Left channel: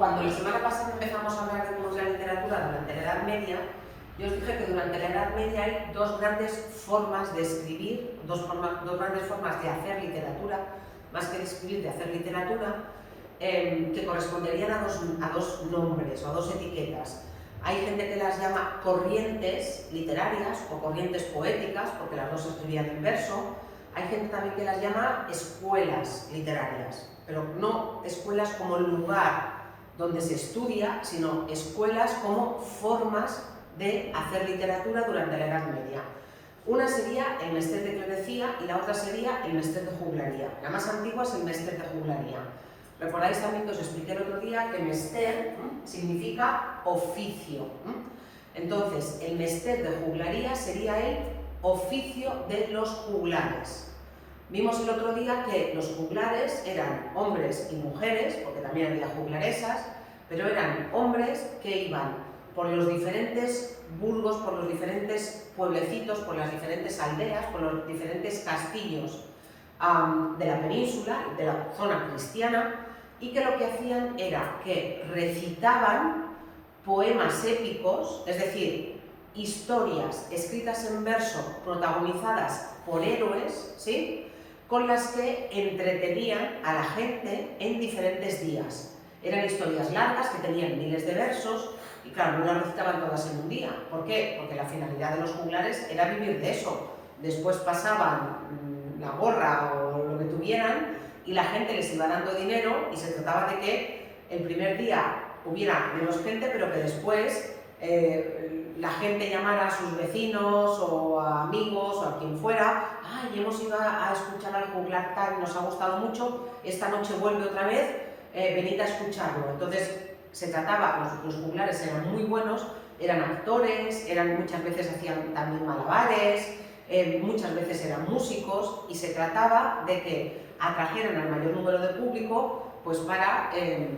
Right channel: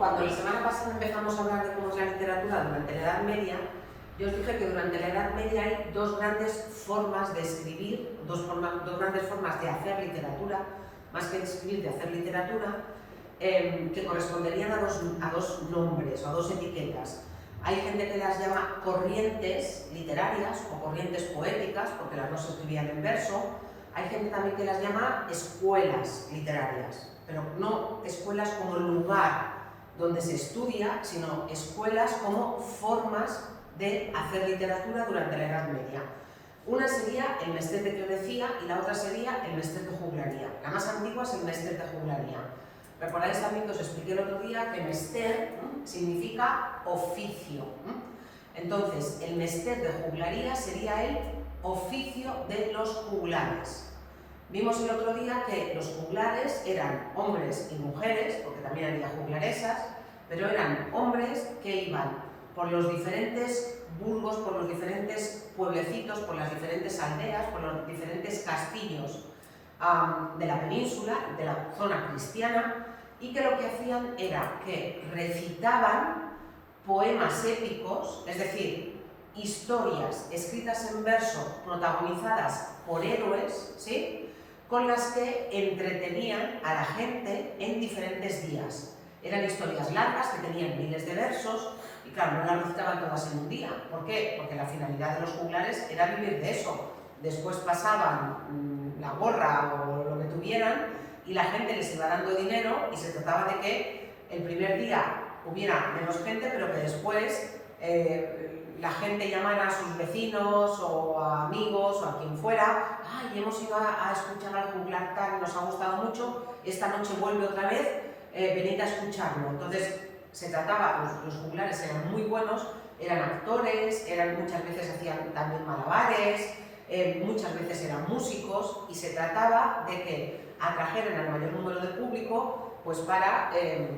cuando la semana pasada empezamos a hablar de cómo es la literatura durante la Edad Media, yo os dije que durante la Edad Media hay dos grandes formas de escribir, dos grandes formas de hacer literatura, más que de escribir, de hacer literatura, que corresponderían a dos nombres o a dos etiquetas. Hay gente que las llama corrientes literarias o corrientes poéticas, porque las dos se escribían en verso. Hay gente también que las llama escuelas literarias, pero no escuelas como lugar donde se estudia, sino escuelas como formas de hacer literatura durante la Edad Media. Una sería el Mester de Clerecía y la otra sería el Mester de Juglaría. La más antigua es el Mester de Juglaría. Recordáis también que os expliqué el otro día que Mester significa oficio. Entonces, el Mester de Juglaría sería el oficio de los juglares. Vimos el otro día que los juglares eran hombres y mujeres, porque también había juglaresas, pero eran hombres que iban por los diferentes burgos, por los diferentes pueblecitos, por las diferentes aldeas, por los diferentes castillos de la península, de la zona cristiana, y que lo que hacían era que recitaban poemas épicos, es decir, historias escritas en verso protagonizadas por héroes, ¿sí?, con las que entretenían a la gente en diferentes días. Eran historias largas que tenían miles de versos y claro, no las recitaban todas en un día. ¿Por qué? Porque la finalidad de los juglares era vivir de eso. Después pasaban la gorra o lo que tuvieran y la gente les iba dando dinero y se trataba de que el primer día hubiera menos gente, pero que después la gente llamara a sus vecinos o a amigos o a quien fuera: ¡ay, hemos ido a escuchar al juglar tal y nos ha gustado mucho, esta noche vuelve otra vez, venid a escucharlo! Entonces se trataba, los juglares eran muy buenos, eran actores, muchas veces hacían también malabares, muchas veces eran músicos, y se trataba de que atrajeran al mayor número de público pues para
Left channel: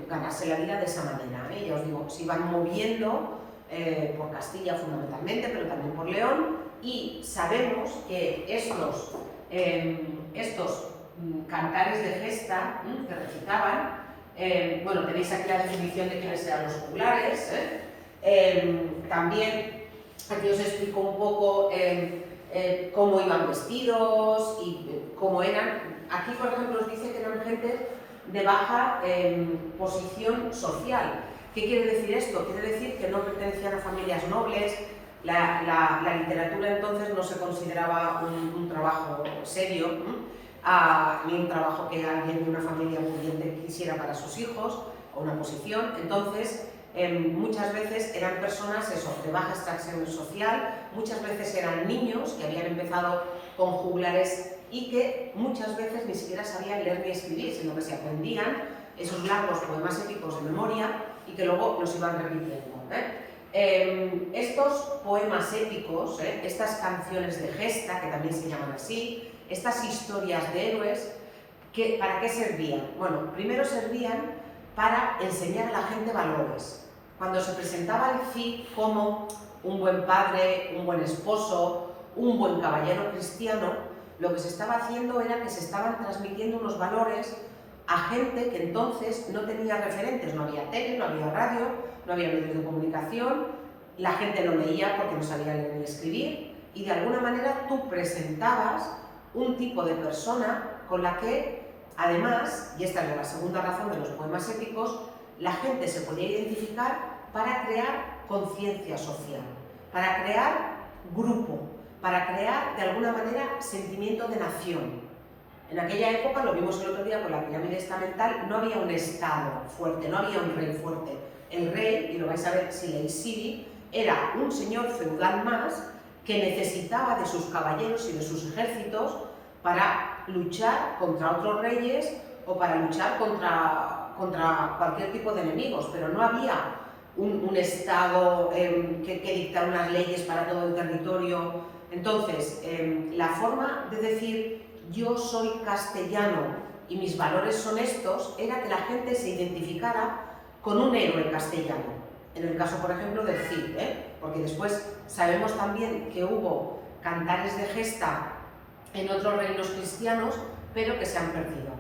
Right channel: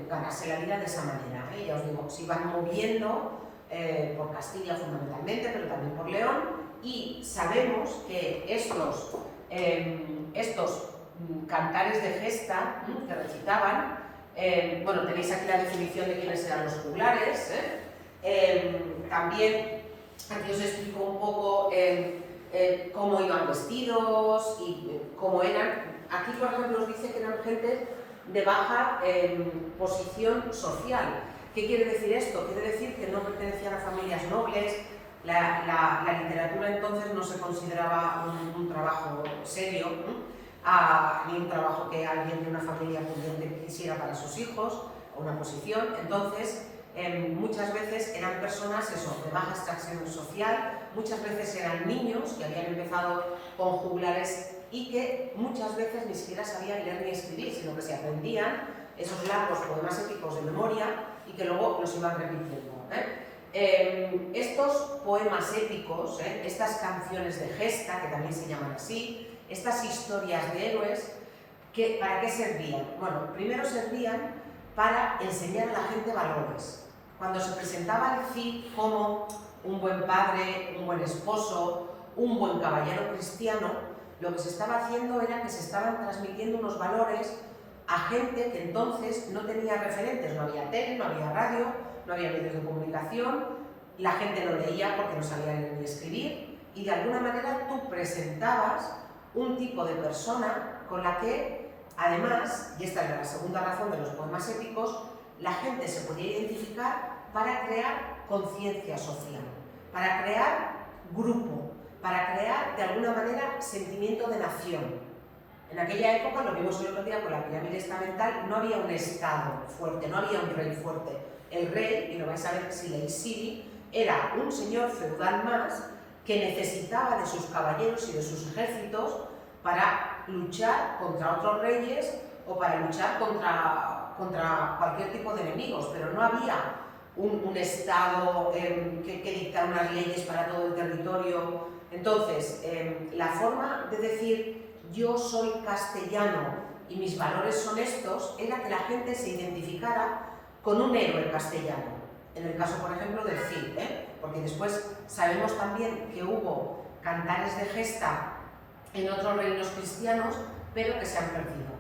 ganarse la vida de esa manera. Ya os digo, se iban moviendo por Castilla fundamentalmente, pero también por León, y sabemos que estos cantares de gesta que recitaban, bueno, tenéis aquí la definición de quiénes eran los juglares, también aquí os explico un poco cómo iban vestidos y cómo eran. Aquí, por ejemplo, os dice que eran gente de baja posición social. ¿Qué quiere decir esto? Quiere decir que no pertenecían a familias nobles. La literatura entonces no se consideraba un trabajo serio, ni un trabajo que alguien de una familia pudiente quisiera para sus hijos, o una posición. Entonces, muchas veces eran personas de baja extracción social, muchas veces eran niños que habían empezado con juglares y que muchas veces ni siquiera sabían leer ni escribir, sino que se aprendían esos largos poemas épicos de memoria y que luego los iban repitiendo. Estos poemas épicos, estas canciones de gesta, que también se llaman así, estas historias de héroes, ¿para qué servían? Bueno, primero servían para enseñar a la gente valores. Cuando se presentaba el Cid como un buen padre, un buen esposo, un buen caballero cristiano, lo que se estaba haciendo era que se estaban transmitiendo unos valores a gente que entonces no tenía referentes. No había tele, no había radio, no había medios de comunicación, la gente no leía porque no sabía leer ni escribir, y de alguna manera tú presentabas un tipo de persona con la que, además, y esta es la segunda razón de los poemas épicos, la gente se podía identificar para crear conciencia social, para crear grupo, para crear de alguna manera sentimiento de nación. En aquella época, lo vimos el otro día con la pirámide estamental, no había un estado fuerte, no había un rey fuerte. El rey, y lo vais a ver si leéis Siri, era un señor feudal más que necesitaba de sus caballeros y de sus ejércitos para luchar contra otros reyes o para luchar contra cualquier tipo de enemigos, pero no había un estado que dicta unas leyes para todo el territorio. Entonces, la forma de decir yo soy castellano y mis valores son estos era que la gente se identificara con un héroe castellano. En el caso, por ejemplo, del Cid, porque después sabemos también que hubo cantares de gesta en otros reinos cristianos, pero que se han perdido.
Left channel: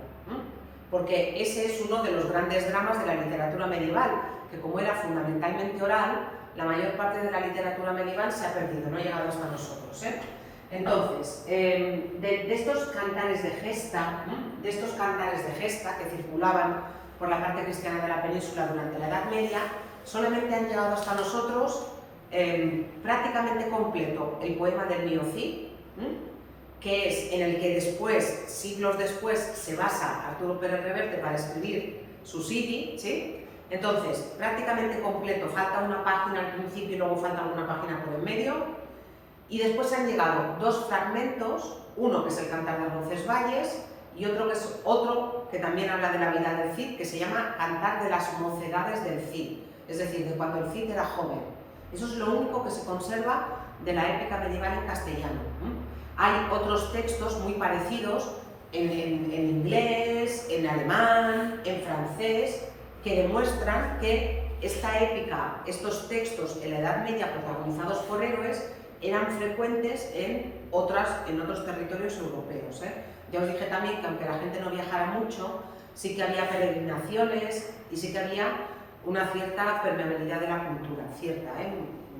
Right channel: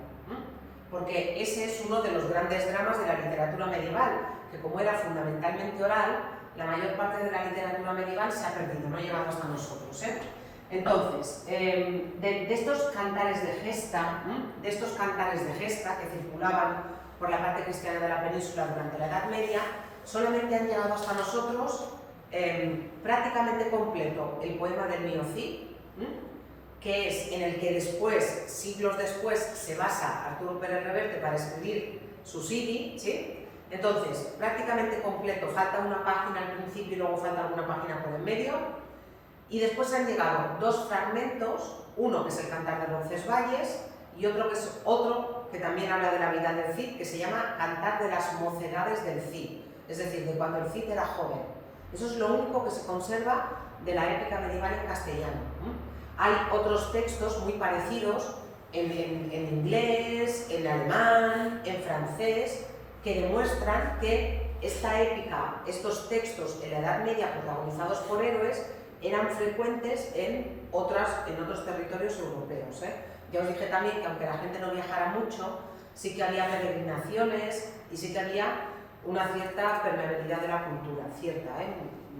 porque ese es uno de los grandes dramas de la literatura medieval, que como era fundamentalmente oral, la mayor parte de la literatura medieval se ha perdido, no ha llegado hasta nosotros. Entonces, de estos cantares de gesta, que circulaban por la parte cristiana de la península durante la Edad Media, solamente han llegado hasta nosotros prácticamente completo el poema del Mio Cid, que es en el que después, siglos después, se basa Arturo Pérez Reverte para escribir su Sidi, ¿sí? Entonces, prácticamente completo, falta una página al principio y luego falta alguna página por el medio, y después han llegado dos fragmentos, uno que es el Cantar de Roncesvalles y otro que también habla de la vida del Cid, que se llama Cantar de las mocedades del Cid, es decir, de cuando el Cid era joven. Eso es lo único que se conserva de la épica medieval en castellano. Hay otros textos muy parecidos en inglés, en alemán, en francés, que demuestran que esta épica, estos textos en la Edad Media protagonizados por héroes, eran frecuentes en otros territorios europeos. Ya os dije también que aunque la gente no viajara mucho, sí que había peregrinaciones y sí que había una cierta permeabilidad de la cultura,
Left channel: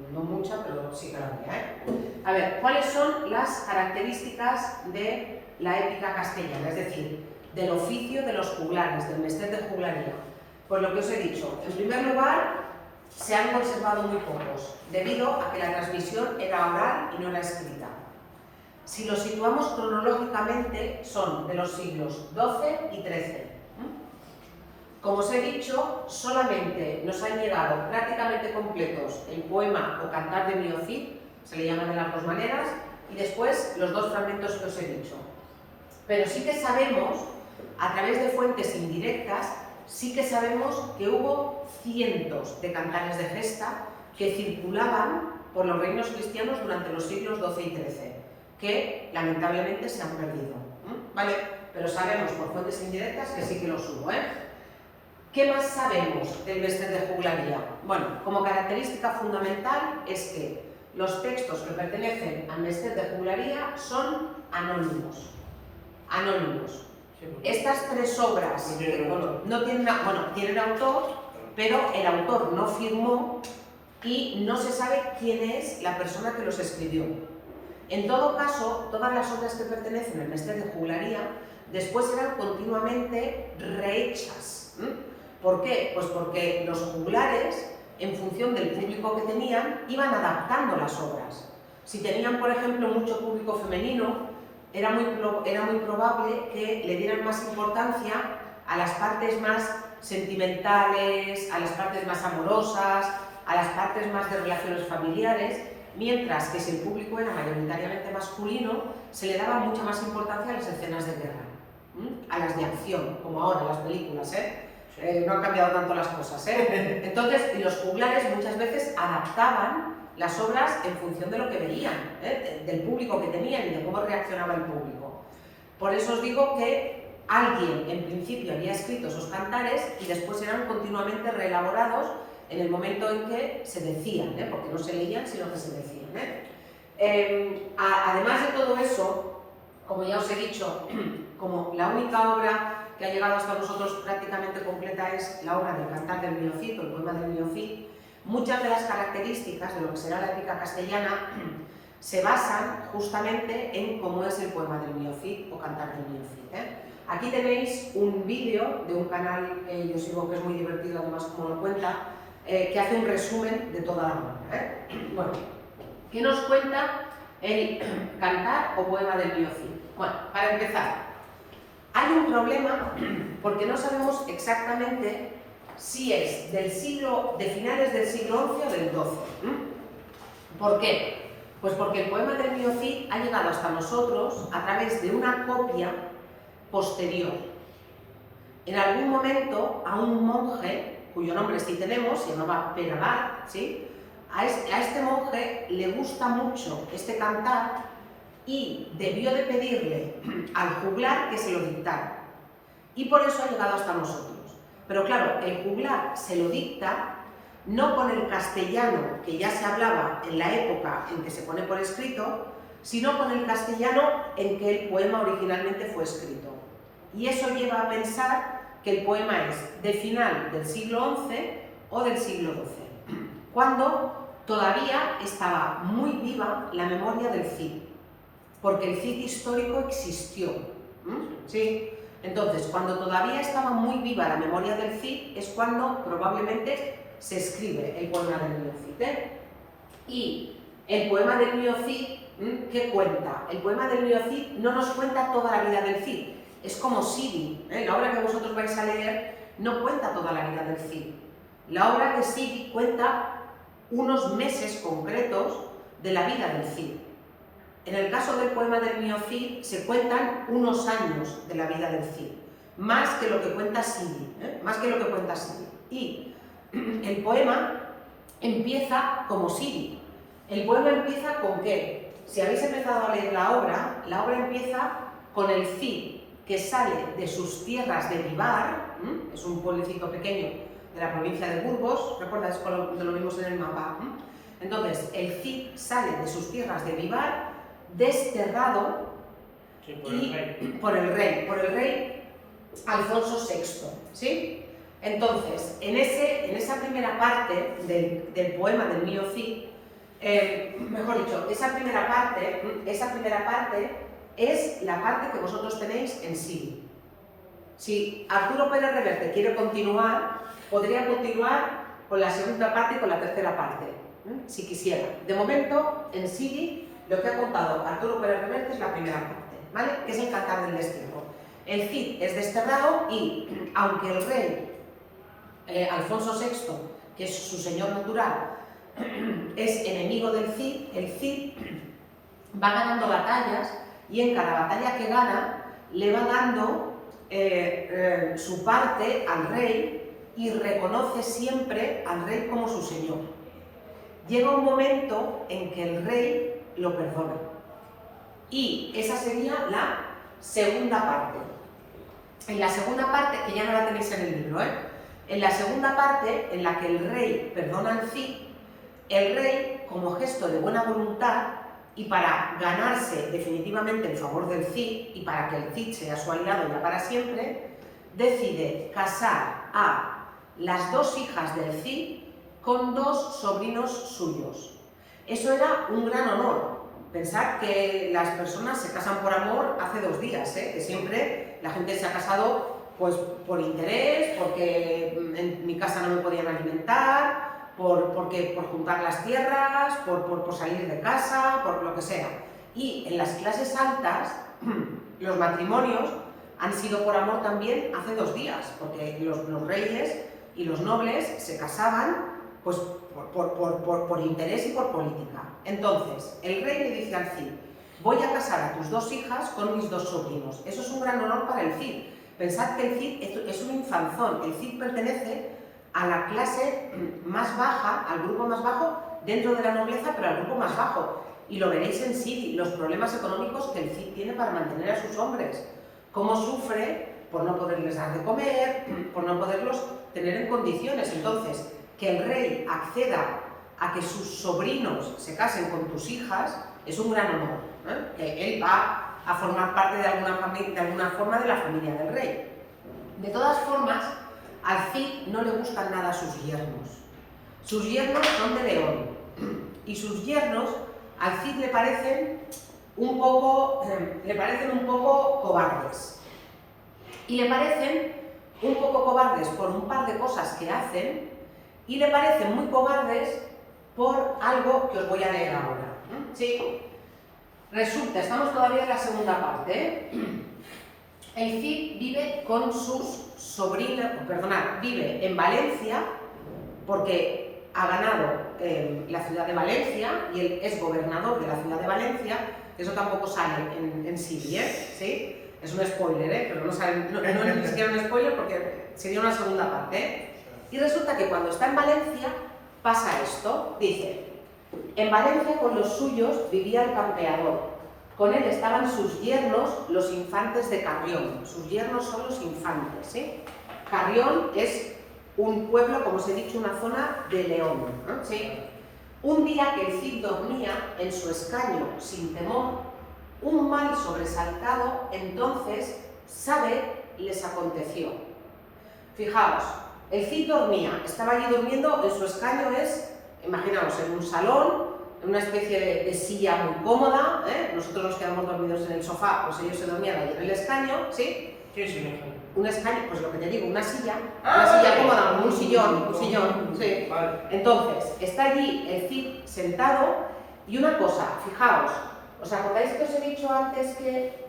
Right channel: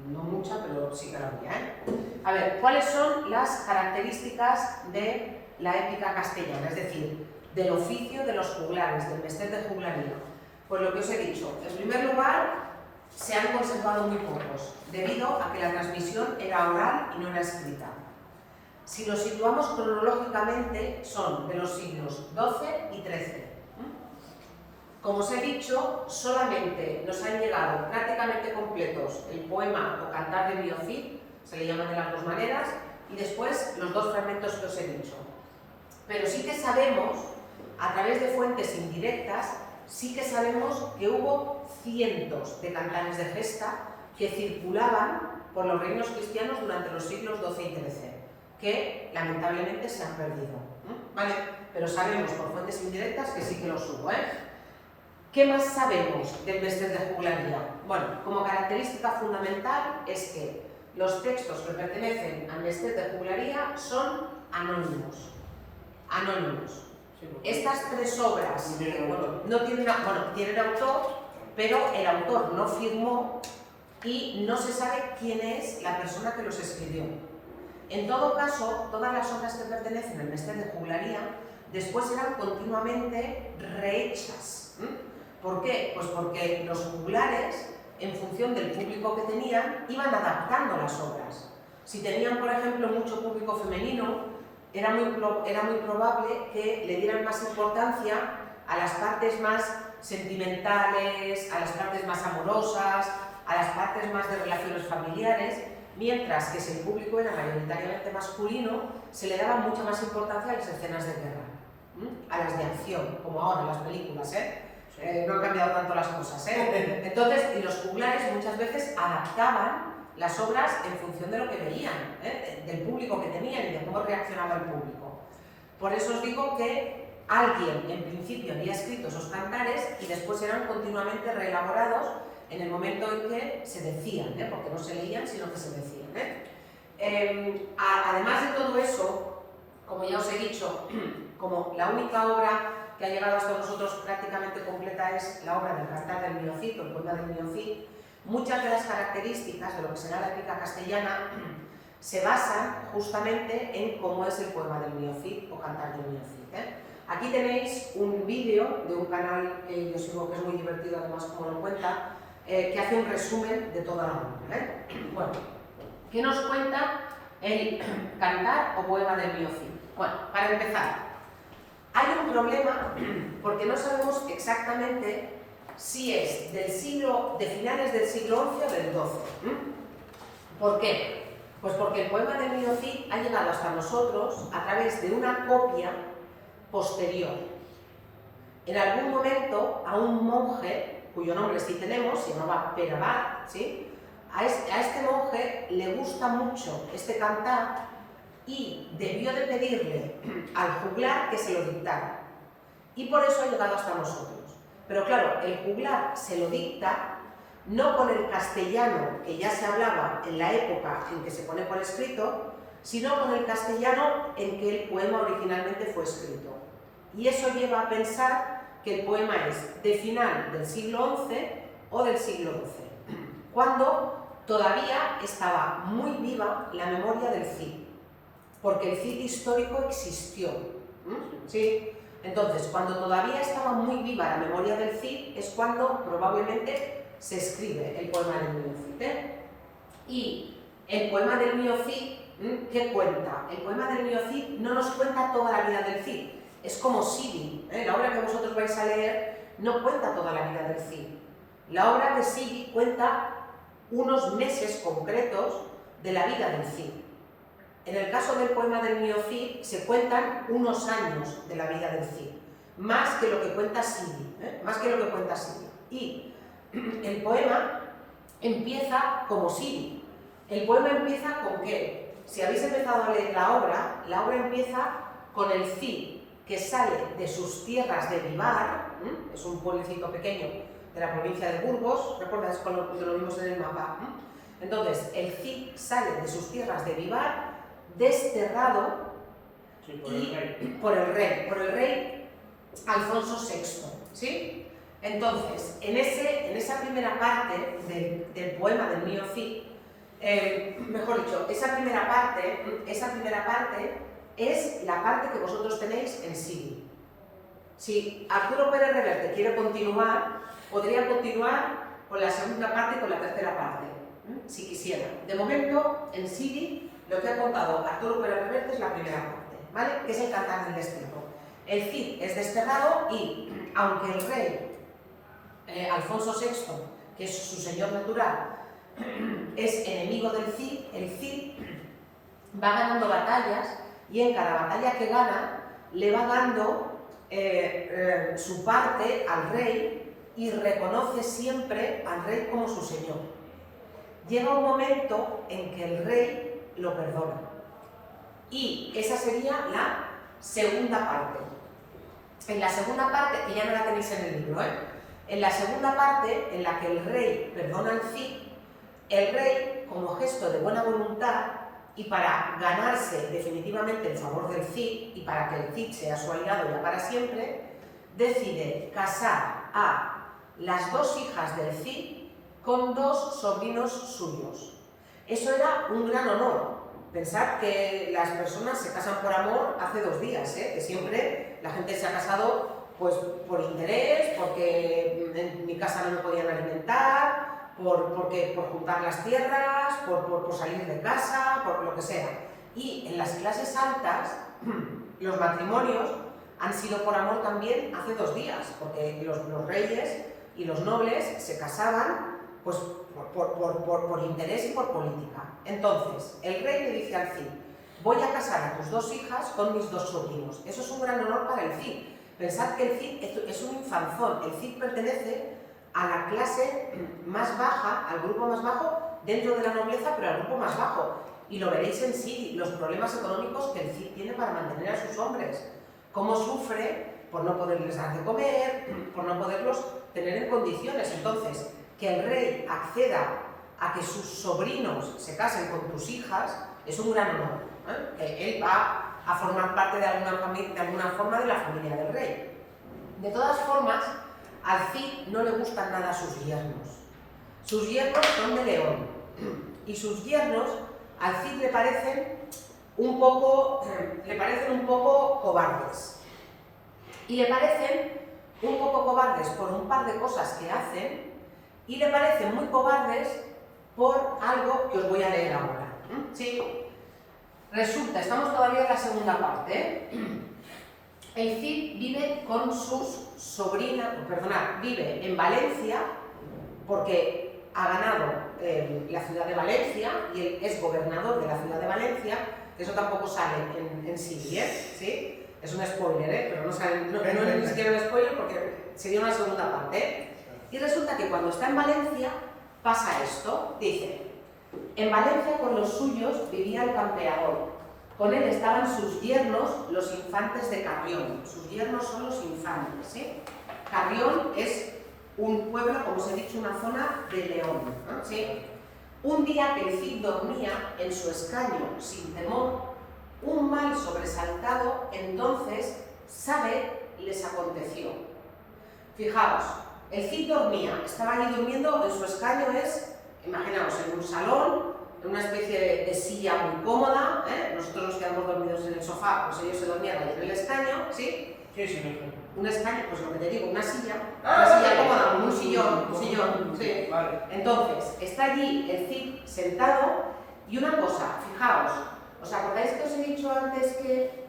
no mucha, pero sí que la había. A ver, ¿cuáles son las características de la épica castellana? Es decir, del oficio de los juglares, del mester de juglaría. Pues lo que os he dicho, en primer lugar, se han conservado muy pocos, debido a que la transmisión era oral y no era escrita. Si lo situamos cronológicamente, son de los siglos XII y XIII. Como os he dicho, solamente nos han llegado prácticamente completos el poema o cantar de Mio Cid, se le llaman de las dos maneras, y después los dos fragmentos que os he dicho. Pero sí que sabemos, a través de fuentes indirectas, sí que sabemos que hubo cientos de cantares de gesta que circulaban por los reinos cristianos durante los siglos XII y XIII, que lamentablemente se han perdido. ¿Vale? Pero sabemos por fuentes indirectas que sí que los hubo. ¿Qué más sabemos del mester de juglaría? Bueno, como característica fundamental es que los textos que pertenecen al mester de juglaría son anónimos. Anónimos. Estas tres obras no tienen, tienen autor, pero el autor no firmó y no se sabe quién es la persona que los escribió. En todo caso, todas las obras que pertenecen al mester de juglaría después eran continuamente rehechas. ¿Por qué? Pues porque los juglares, en función del público que tenían, iban adaptando las obras. Si tenían, por ejemplo, mucho público femenino, era muy probable que le dieran más importancia a las partes más sentimentales, a las partes más amorosas, a las partes más de relaciones familiares, mientras que si el público era mayoritariamente masculino, se le daba mucha más importancia a las escenas de guerra, a las de acción, como ahora las películas, no han cambiado tanto las cosas. Entonces, y los juglares muchas veces adaptaban las obras en función de lo que veían, del público que tenían y de cómo reaccionaba el público. Por eso os digo que alguien en principio había escrito esos cantares y después eran continuamente reelaborados en el momento en que se decían, porque no se leían sino que se decían. Además de todo eso, como ya os he dicho, como la única obra que ha llegado hasta nosotros prácticamente completa es la obra del Cantar del Mio Cid, el poema del Mio Cid, muchas de las características de lo que será la épica castellana se basan justamente en cómo es el poema del Mio Cid o Cantar del Mio Cid. Aquí tenéis un vídeo de un canal que yo sigo, que es muy divertido además como lo cuenta, que hace un resumen de toda la obra. Bueno, ¿qué nos cuenta el Cantar o poema del Mio Cid? Bueno, para empezar, hay un problema porque no sabemos exactamente si es de finales del siglo XI o del XII. ¿Por qué? Pues porque el poema del Mio Cid ha llegado hasta nosotros a través de una copia posterior. En algún momento a un monje, cuyo nombre sí tenemos, se llamaba Pere Abat, ¿sí? A este monje le gusta mucho este cantar y debió de pedirle al juglar que se lo dictara. Y por eso ha llegado hasta nosotros. Pero claro, el juglar se lo dicta no con el castellano que ya se hablaba en la época en que se pone por escrito, sino con el castellano en que el poema originalmente fue escrito. Y eso lleva a pensar que el poema es de final del siglo XI o del siglo XII, cuando todavía estaba muy viva la memoria del Cid, porque el Cid histórico existió. ¿Sí? Entonces, cuando todavía estaba muy viva la memoria del Cid, es cuando probablemente se escribe el poema del Niño Cid. Y el poema del Niño Cid, ¿qué cuenta? El poema del Niño Cid no nos cuenta toda la vida del Cid, es como Sidi. La obra que vosotros vais a leer no cuenta toda la vida del Cid. La obra de Sidi cuenta unos meses concretos de la vida del Cid. En el caso del poema del Niño Cid se cuentan unos años de la vida del Cid, más que lo que cuenta Sidi, más que lo que cuenta Sidi. Y el poema empieza como Sidi. El poema empieza con ¿qué? Si habéis empezado a leer la obra empieza con el Cid que sale de sus tierras de Vivar, es un pueblecito pequeño de la provincia de Burgos, ¿recordáis cuando lo vimos en el mapa? Entonces, el Cid sale de sus tierras de Vivar desterrado por el rey Alfonso VI, ¿sí? Entonces, en esa primera parte del poema del Niño Cid, mejor dicho, esa primera parte es la parte que vosotros tenéis en Sidi. Si Arturo Pérez Reverte quiere continuar, podría continuar con la segunda parte y con la tercera parte, si quisiera. De momento, en Sidi, lo que ha contado Arturo Pérez Reverte es la primera parte, ¿vale? Que es el Cantar del Destierro. El Cid es desterrado y, aunque el rey Alfonso VI, que es su señor natural, es enemigo del Cid, el Cid va ganando batallas y en cada batalla que gana le va dando su parte al rey y reconoce siempre al rey como su señor. Llega un momento en que el rey lo perdona y esa sería la segunda parte. En la segunda parte, que ya no la tenéis en el libro, en la segunda parte, en la que el rey perdona al Cid, el rey, como gesto de buena voluntad y para ganarse definitivamente el favor del Cid y para que el Cid sea su aliado ya para siempre, decide casar a las dos hijas del Cid con dos sobrinos suyos. Eso era un gran honor. Pensad que las personas se casan por amor hace 2 días, que siempre la gente se ha casado pues por interés, porque en mi casa no me podían alimentar, por juntar las tierras, por salir de casa, por lo que sea. Y en las clases altas, los matrimonios han sido por amor también hace 2 días, porque los reyes y los nobles se casaban pues por interés y por política. Entonces, el rey le dice al Cid: voy a casar a tus 2 hijas con mis 2 sobrinos. Eso es un gran honor para el Cid. Pensad que el Cid es un infanzón. El Cid pertenece a la clase más baja, al grupo más bajo dentro de la nobleza, pero al grupo más bajo. Y lo veréis en sí, los problemas económicos que el Cid tiene para mantener a sus hombres. Cómo sufre por no poderles dar de comer, por no poderlos tener en condiciones. Entonces, que el rey acceda a que sus sobrinos se casen con tus hijas es un gran honor. Él va a formar parte de alguna forma de la familia del rey. De todas formas, al Cid no le gustan nada sus yernos. Sus yernos son de León y sus yernos al Cid le parecen un poco cobardes. Y le parecen un poco cobardes por un par de cosas que hacen y le parecen muy cobardes por algo que os voy a leer ahora. ¿Sí? Resulta, estamos todavía en la segunda parte. El Cid vive con sus sobrinas, vive en Valencia porque ha ganado la ciudad de Valencia y él es gobernador de la ciudad de Valencia. Eso tampoco sale en Sidi, ¿sí? Es un spoiler, pero no sale, no es ni siquiera un spoiler porque sería una segunda parte. Y resulta que cuando está en Valencia pasa esto, dice: en Valencia con los suyos vivía el campeador, con él estaban sus yernos, los infantes de Carrión. Sus yernos son los infantes, ¿sí? Carrión es un pueblo, como os he dicho, una zona de León, ¿sí? Un día que el Cid dormía en su escaño sin temor, un mal sobresaltado entonces, sabe, les aconteció. Fijaos, el Cid dormía, estaba allí durmiendo, en su escaño es, imaginaos, en un salón, en una especie de silla muy cómoda, ¿eh? Nosotros nos quedamos dormidos en el sofá, pues ellos se dormían allí en el escaño, ¿sí? ¿Qué es un escaño? Un escaño, pues lo que te digo, una silla Vale. cómoda, con un sillón, sí. Vale. Entonces, está allí el Cid sentado y una cosa, fijaos, ¿os acordáis que os he dicho antes que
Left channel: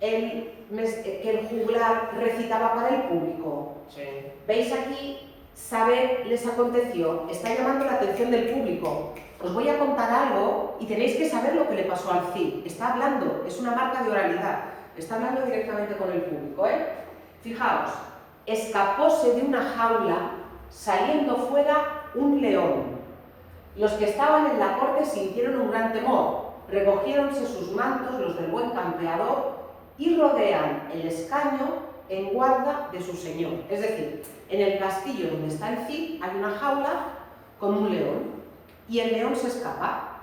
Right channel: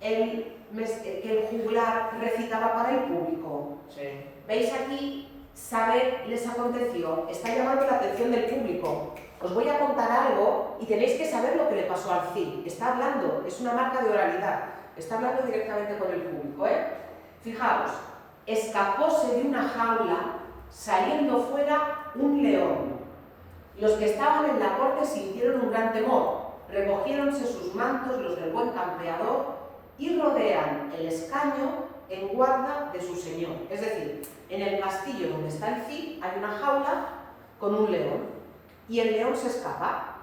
el juglar recitaba para el público? Sí. ¿Veis aquí? Saber les aconteció, está llamando la atención del público. Os voy a contar algo y tenéis que saber lo que le pasó al Cid. Está hablando, es una marca de oralidad, está hablando directamente con el público, ¿eh? Fijaos, escapóse de una jaula, saliendo fuera un león. Los que estaban en la corte sintieron un gran temor, recogiéronse sus mantos, los del buen campeador, y rodean el escaño en guarda de su señor. Es decir, en el castillo donde está el Cid hay una jaula con un león, y el león se escapa.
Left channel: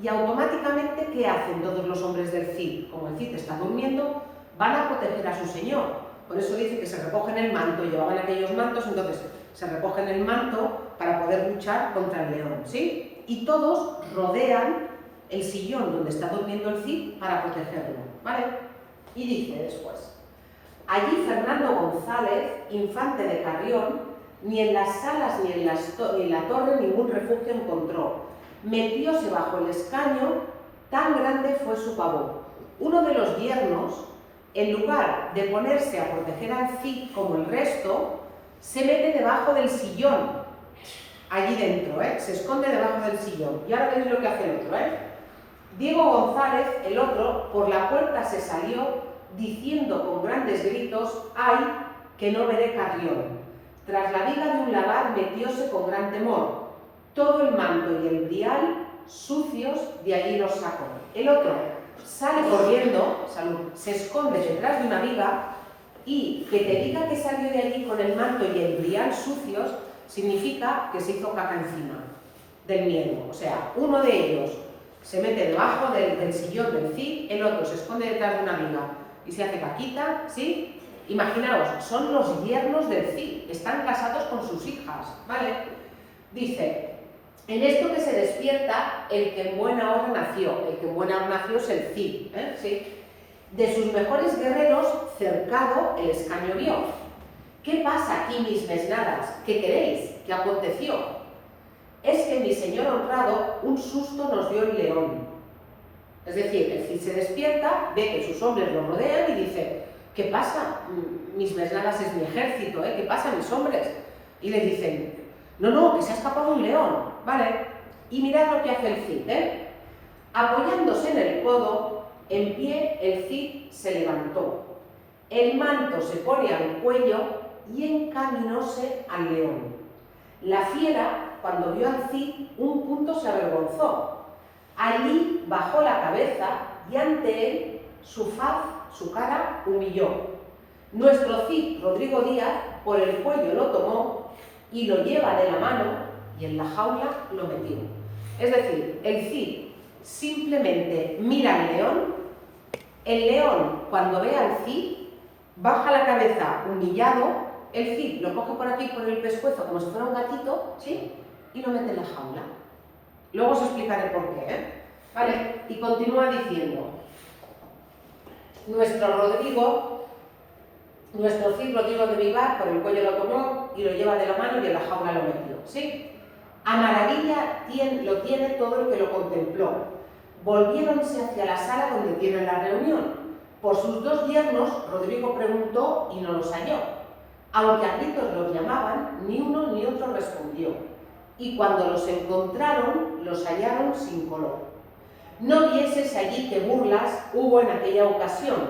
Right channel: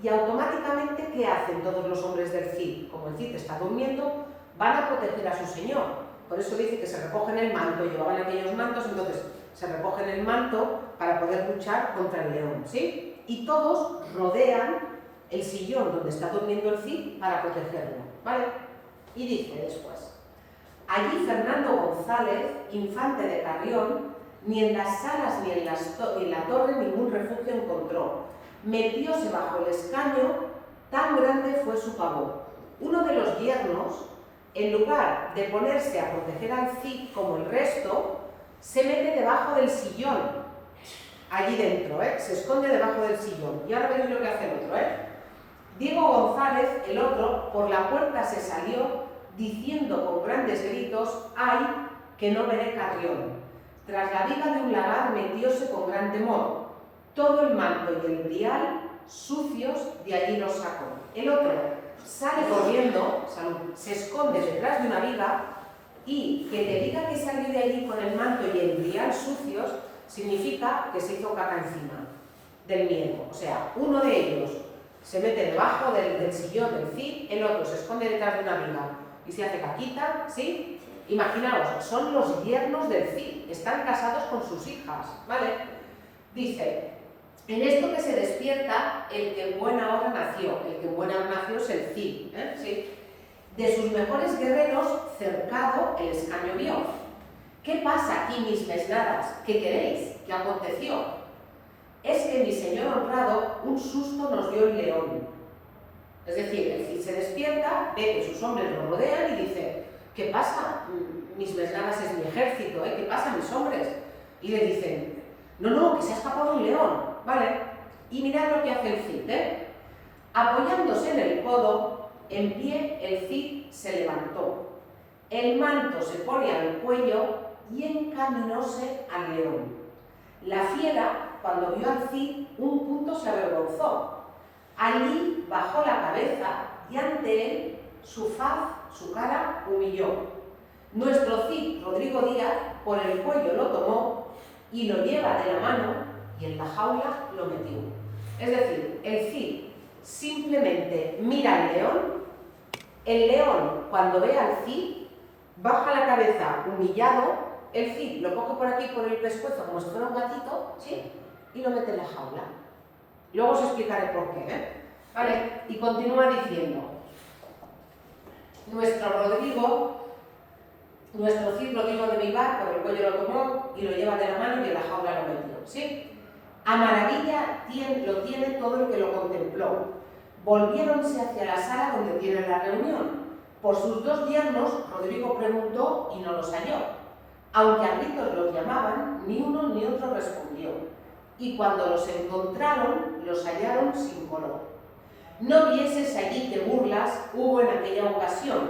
Y automáticamente, ¿qué hacen todos los hombres del Cid? Como el Cid está durmiendo, van a proteger a su señor. Por eso dice que se recogen el manto, llevaban aquellos mantos, entonces se recogen el manto para poder luchar contra el león, ¿sí? Y todos rodean el sillón donde está durmiendo el Cid para protegerlo, ¿vale? Y dice después: allí Fernando González, infante de Carrión, ni en las salas ni en la torre ningún refugio encontró. Metióse bajo el escaño, tan grande fue su pavor. Uno de los yernos, en lugar de ponerse a proteger al Cid como el resto, se mete debajo del sillón, allí dentro, se esconde debajo del sillón. Y ahora veréis lo que hace el otro. Diego González, el otro, por la puerta se salió, diciendo con grandes gritos: ¡ay, que no veré Carrión! Tras la viga de un lagar metióse con gran temor. Todo el manto y el brial sucios de allí los sacó. El otro sale corriendo, se esconde detrás de una viga, y que te diga que salió de allí con el manto y el brial sucios significa que se hizo caca encima del miedo. O sea, uno de ellos se mete debajo del sillón del Cid, el otro se esconde detrás de una viga y se hace caquita, ¿sí? Imaginaos, son los yernos del Cid, están casados con sus hijas, ¿vale? Dice: en esto que se despierta el que en buena hora nació. El que en buena hora nació es el Cid, ¿sí? De sus mejores guerreros cercado el escaño vio. ¿Qué pasa aquí, mis mesnadas? ¿Qué queréis? ¿Qué aconteció? Es que mi señor honrado un susto nos dio el león. Es decir, el Cid se despierta, ve que sus hombres lo rodean y dice: ¿qué pasa? Mis mesnadas es mi ejército, ¿Qué pasa, mis hombres? Y le dicen: no, que se ha escapado un león, ¿vale? Y mirad lo que hace el Cid, Apoyándose en el codo, en pie el Cid se levantó. El manto se pone al cuello y encaminóse al león. La fiera, cuando vio al Cid, un punto se avergonzó. Allí bajó la cabeza y ante él su faz, su cara, humilló. Nuestro Cid, Rodrigo Díaz, por el cuello lo tomó y lo lleva de la mano y en la jaula lo metió. Es decir, el Cid simplemente mira al león, el león cuando ve al Cid baja la cabeza humillado, el Cid lo coge por aquí, por el pescuezo, como si fuera un gatito, ¿sí? Y lo mete en la jaula. Luego os explicaré por qué, ¿Vale? Y continúa diciendo: nuestro Cid Rodrigo de Vivar por el cuello lo tomó y lo lleva de la mano y en la jaula lo metió, ¿sí? A maravilla lo tiene todo lo que lo contempló. Volviéronse hacia la sala donde tienen la reunión. Por sus dos yernos, Rodrigo preguntó y no los halló. Aunque a gritos los llamaban, ni uno ni otro respondió. Y cuando los encontraron, los hallaron sin color. No vieses allí que burlas hubo en aquella ocasión.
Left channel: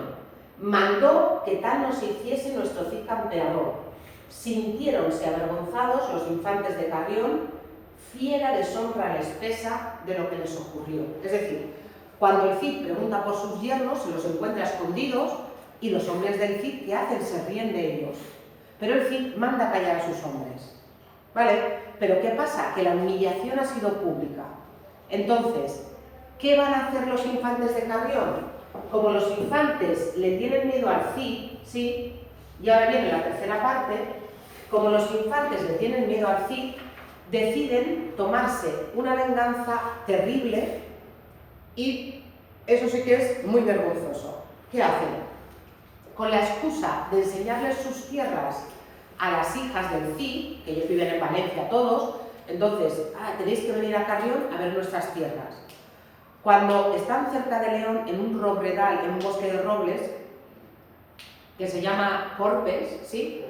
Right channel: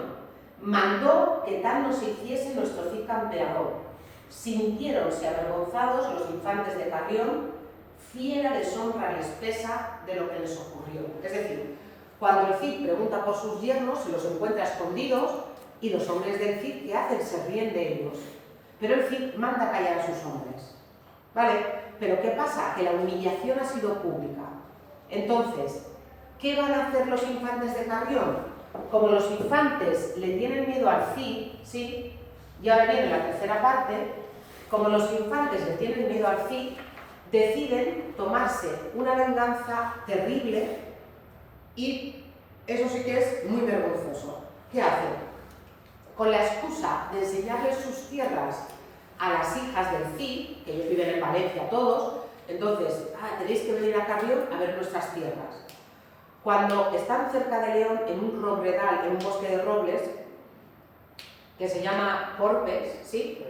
Mandó que tal nos hiciese nuestro Cid campeador. Sintiéronse avergonzados los infantes de Carrión, fiera deshonra les pesa de lo que les ocurrió. Es decir, cuando el Cid pregunta por sus yernos, se los encuentra escondidos y los hombres del Cid, ¿qué hacen? Se ríen de ellos. Pero el Cid manda callar a sus hombres, ¿vale? Pero ¿qué pasa? Que la humillación ha sido pública. Entonces, ¿qué van a hacer los infantes de Carrión? Como los infantes le tienen miedo al Cid, ¿sí? Y ahora viene la tercera parte, como los infantes le tienen miedo al Cid, deciden tomarse una venganza terrible y eso sí que es muy vergonzoso. ¿Qué hacen? Con la excusa de enseñarles sus tierras a las hijas del Cid, que ellos viven en Valencia todos, entonces, tenéis que venir a Carrión a ver nuestras tierras. Cuando están cerca de León, en un robledal, en un bosque de robles, que se llama Corpes, ¿sí?,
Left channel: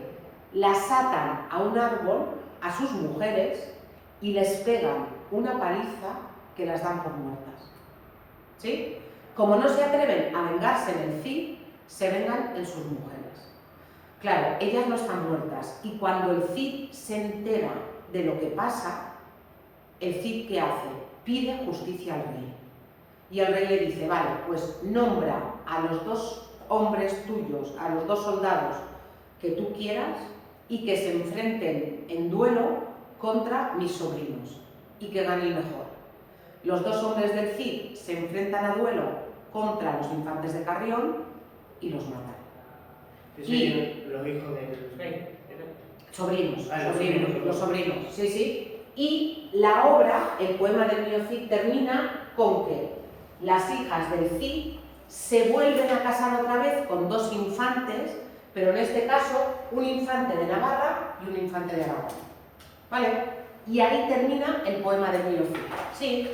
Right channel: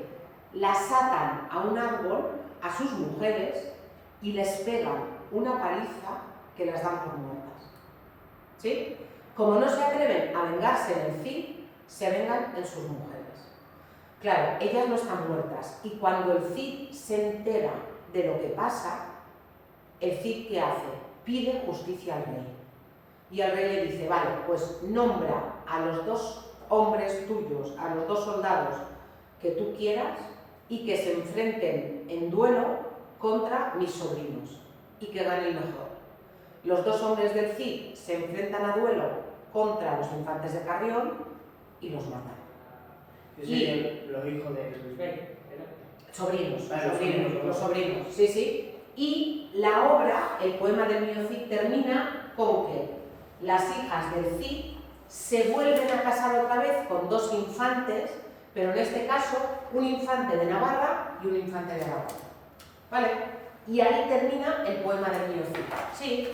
las atan a un árbol a sus mujeres y les pegan una paliza que las dan por muertas. ¿Sí? Como no se atreven a vengarse en el Cid, se vengan en sus mujeres. Claro, ellas no están muertas y cuando el Cid se entera de lo que pasa, el Cid ¿qué hace? Pide justicia al rey. Y el rey le dice, vale, pues nombra a los 2 hombres tuyos, a los 2 soldados que tú quieras y que se enfrenten en duelo contra mis sobrinos y que gane el mejor. Los 2 hombres del Cid se enfrentan a duelo contra los infantes de Carrión y los matan. ¿Y los hijos del rey? Sobrinos, los sobrinos, sí, sí. Y la obra, el poema del niño Cid, termina con que las hijas del Cid se vuelven a casar otra vez con 2 infantes, pero en este caso un infante de Navarra y un infante de Aragón. ¿Vale? Y ahí termina el poema del niño Cid. Sí.